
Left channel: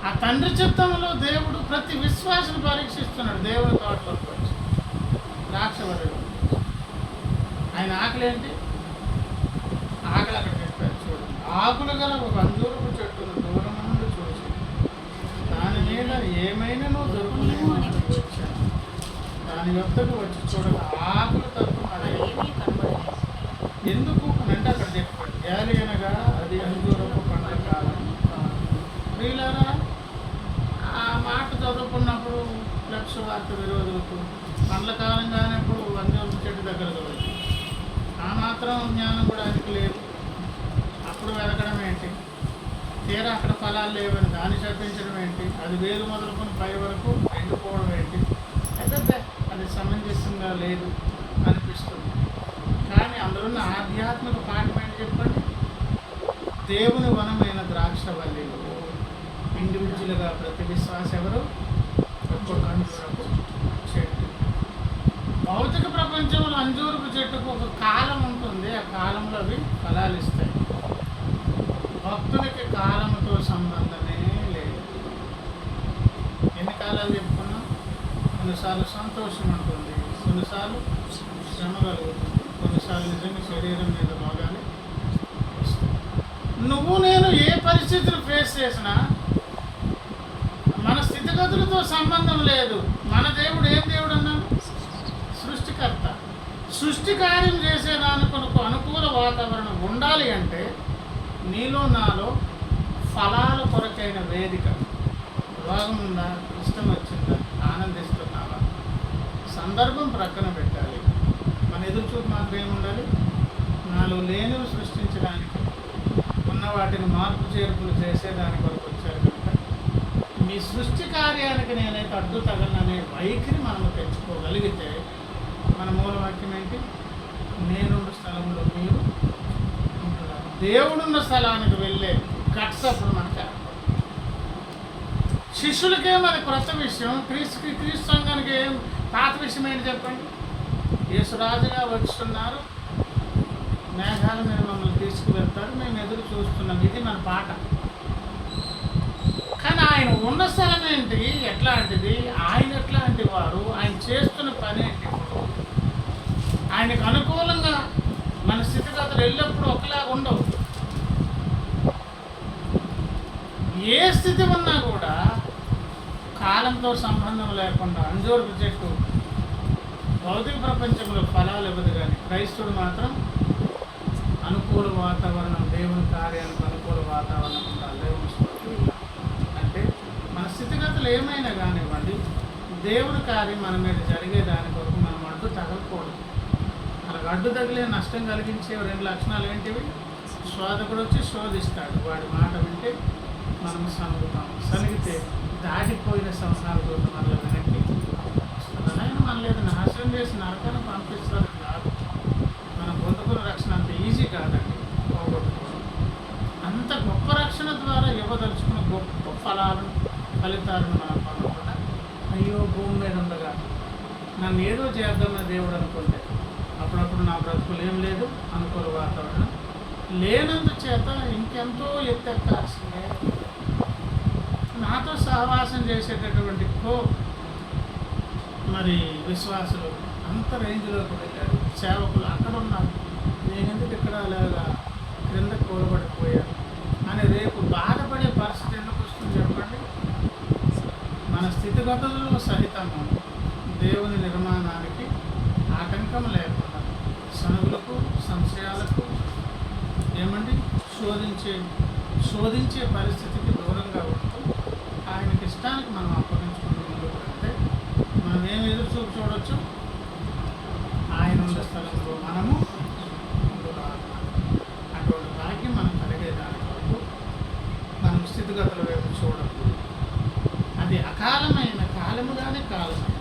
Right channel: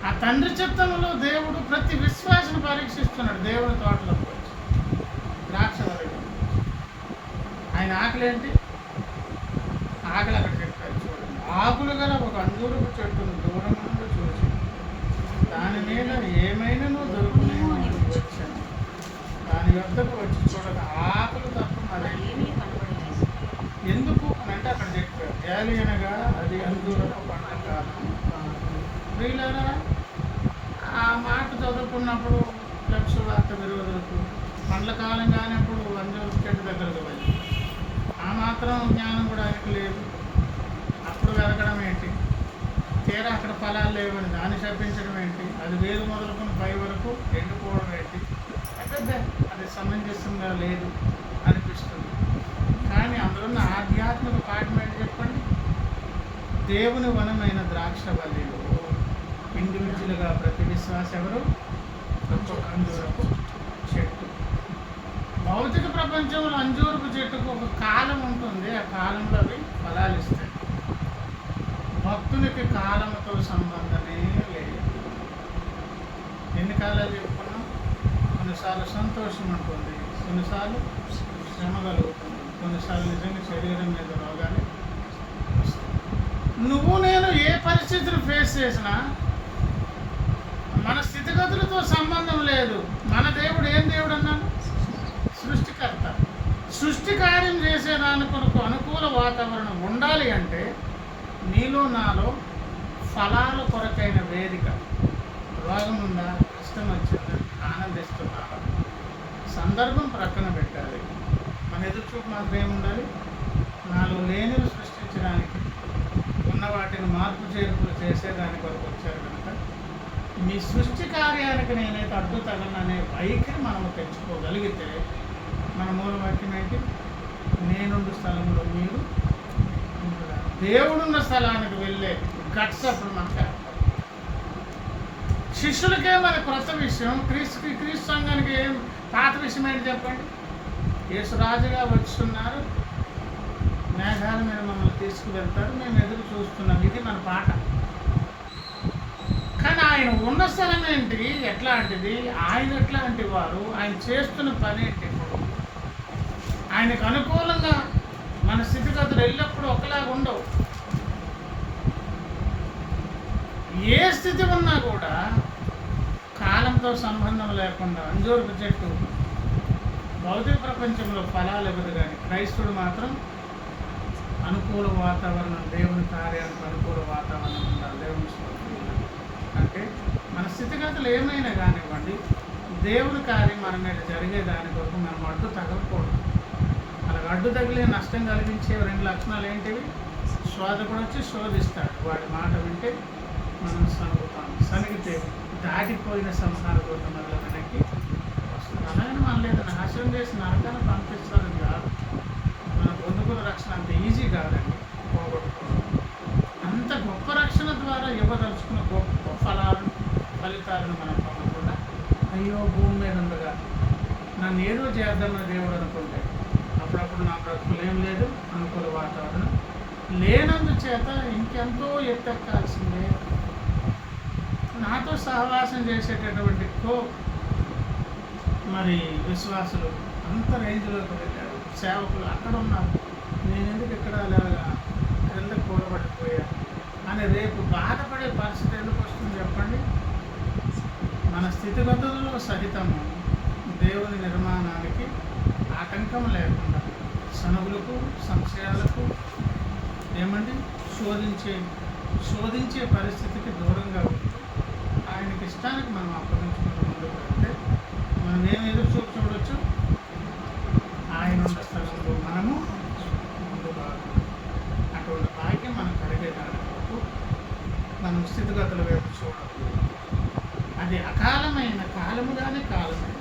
ఆ తండ్రి చిత్తంలో దేవుడు ప్రతి విశ్వాసను పరీక్షిస్తున్నాడు. దేవుని తోటలోకి వచ్చి ద్రాక్షవల్లి. ఆయన ఆకలి ఏంటి? ఆకలి అక్కడ చెప్పారు చూడండి. ఆకులు గల ఒక అంజూరపు చెట్టును దూరం నుండి చూసి దాని మీద ఏమైనానో దొరుకునేమో వచ్చాను. దాని వద్దకు వచ్చి చూడగా ఆకులు తప్ప మరేమీ కనబడలేదు. ఎందుకు అని అంటే అక్కడ చెప్పాడు, ఏలి అనగా అది అంజూరపు పండ్ల కాలం. ప్రియులారా, ఆ మాట చదువుకున్నప్పుడు లక్ష వార్త విరోధులకు పండ్ల కాలం కానప్పుడు అంజూరపు చెట్టు దగ్గరకు వెళ్ళి ఆ మాత్రం జ్ఞానం కూడా ఆయనకు లేదు. అప్పుడు వెతకడం ఏంటి? తీరా అక్కడ ఫలాలు లేవని దాన్ని శపించడం ఏంటి? అది వేరు మొదలుకొని పై వరకు ఎండిపోవడం ఏంటి? అయితే అది సమంజసంగా లేదు అనిపిస్తుంది. కానీ అందులో ఉన్న ఆధ్యాత్మిక పాఠం ఏంటి చెప్పండి? దేవుని వనమైన ద్రాక్షవల్లిలో ఇండివిజువల్గా ప్రతి విశ్వాస ఎవరు? ఒక్కొక్క అంజూరపు చెట్టు. భౌతిక ప్రపంచంలో అంజూరపు చెట్టుకు ఒక కాలం ఉంటుంది. ఆ కాలంలో అవి ఫలాలు ఇస్తాయి. భక్తునికి కాలంతో సంబంధమే లేదు. ఎన్ని కాలాలు చెప్పుకున్నాం? కొన్నిసార్లు సంతోషం ఉంటుంది, కొన్నిసార్లు శ్రమ కలుగుతుంది, కొన్నిసార్లు నిజంగా శరీరం మీద రోగాలు వస్తాయి. నువ్వు నేను ఏ పరిస్థితులు ఫేస్ చేసినా మన స్థితిగతులతో సంబంధం లేదు. మన దేవుడు ఏం దేవుడు అన్నాను? సృష్టికర్త. సృష్టి కార్యం చేసేదానికి కొనుకు అనుకూల వాతావరణం ఉండాలి అంటే నీలో నాలో ఫలాల కొరకైన వేదిక. రోగం ఉందా? కష్టం వచ్చిందా? ఆనందిస్తున్నావా? సందర్భం ప్రక్కన పెట్టాలి. మన ఎదురుచూపు మాత్రం ఏముండాలి? నాలో లేనివి సృష్టించడానికి, ఉన్న వాటిని మార్పు చేర్పులు చేసేదాని కొరకు వచ్చారు కనుక మీ సృష్టి కార్యానికి నేనైతే అడ్డు తగలననే వైఖరి మనము తెచ్చుకోగలిగితే మన మూలవాక్యం ఏంటి? నేనుండు స్థలంలో మీరు ఉంటున్నారు. దేవుడున్న స్థలానికి వెళ్ళే గట్స్ అప్పుడు మనకు ఏర్పడుతుంది. శిష్యులకేం అది క్రొత్త విషయం, క్రీస్తు సంఘానికి ఏం పాత విషయం ఏంటి చెప్పండి? యేసురాజుగా వస్తున్నారు, మేఘాల మీద మమ్మల్ని తీసుకువెళ్తారు, మేము ఎదురు చూస్తున్నాం, ఇది మన పాట. కానీ ఆయన ఉన్న స్థలం ఏంటి, ఎట్లాంటిది, ఆయన ఎట్లాంటి వారు, ఆయన చేస్తున్న పని ఏంటి? ఇప్పుడు ఆయనకు అనుకూలంగా మన స్థితిగతులు ఎల్లప్పుడూ ఒకలాగా ఉండవు. ఏ స్థితి ఉన్నా కూడా కాలంతో సంబంధం లేకుండా అంజూరపు చెట్టు భౌతిక ప్రపంచంలో ఫలాలు ఇవ్వదు, కానీ క్రైస్తవుడు మాత్రం అనుకూల వాతావరణం, దేవుని కార్యానికి అనుకూల వాతావరణం ఉండాలి. దేవుని స్తోత్రం. అంటే మన స్థితిగతులు ఏమైనా కానివ్వండి, దేవుని కార్యం మన మీద జరిగే దాని కొరకు మనం అడ్డు తగలకూడదు. అలాగ అడ్డు తగిలే నష్టం కలిగించే 2 లక్షణాలు ఏంటివి? శోధకుడు వచ్చి శోధిస్తాడు, వాడి మాట వింటే మనం సనుగుతాం, సనిగితే దాటిపోయిన సంసార దూత మనలో వెనక్కి వస్తారు. అలాగే మన లేదా నాశనం చేసి నరకాన్ని పంపిస్తారని కాదు, మనం పొందుకున్న రక్షణ అంత ఈజీ కాదండి పోగొట్టుకోవడం. అంత గొప్ప రక్షణ ద్వారా ఇవ్వదలుచుకున్న గొప్ప ఫలితాలను మనం పొందకుండా, అయ్యో భూమి మీద ఉండగా నన్ను ఏదో చేద్దామని దేవుడు అనుకుంటే అప్పుడప్పుడు నా బ్రతుకులు ఏం లేదు, అనుకూల వాతావరణం లేనందుచేత ఇంకెంతో ఎత్తెక్కాల్సిందే. నాతో సహవాసం చేసేటటువంటి మరి విశ్వాసులు అంత రేంజ్లోకి వెళ్ళారు, సేవకులు అక్కడ ఉన్నారు, నేను ఎందుకు ఇక్కడ అలాగా క్రింద కూలబడిపోయా అని రేపు బాధపడే పరిస్థితి ఎందుకు వస్తుంది చెప్పండి? మన స్థితిగతుల్లో సహితము దేవుని నిర్మాణానికి ఆటంకం లేకుండా సనుగులకు, సంశయాలకు ఏమండి శోధించే పరిస్థితికి దూరంగా ఉంటూ ఆయనకి ఇష్టానికి మనం అప్పగించుకుంటూ ముందుకు వెళ్తే మనం ఏమి ఎదురు చూడవచ్చు? ఆయన ఉండే స్థలంలో మనము ముందు రావాలి. అటువంటి భాగ్యం మనం కలిగేదాని వరకు మనం స్థితిగతుల వైపు చూడకూడదు. అది అకాలమైన కాలముగానే కాలమైన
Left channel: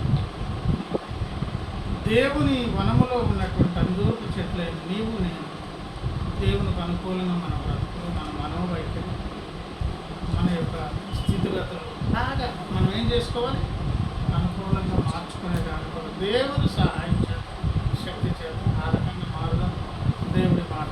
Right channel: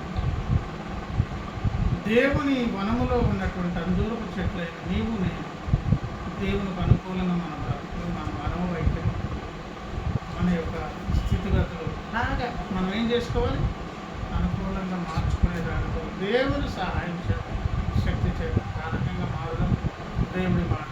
దేవుని వనములో ఉన్నటువంటి అంజూరపు చెట్లైన నీవు నేను దేవునికి అనుకూలంగా మన బ్రతుకులు, మన మనోవైఖరి, మన యొక్క స్థితిగతులు లాగా మనం ఏం చేసుకోవాలి? అనుకూలంగా మార్చుకునే దాని కొరకు దేవుని సహాయం చేత, శక్తి చేత ఆ రకంగా మారడం దేవుడి మాట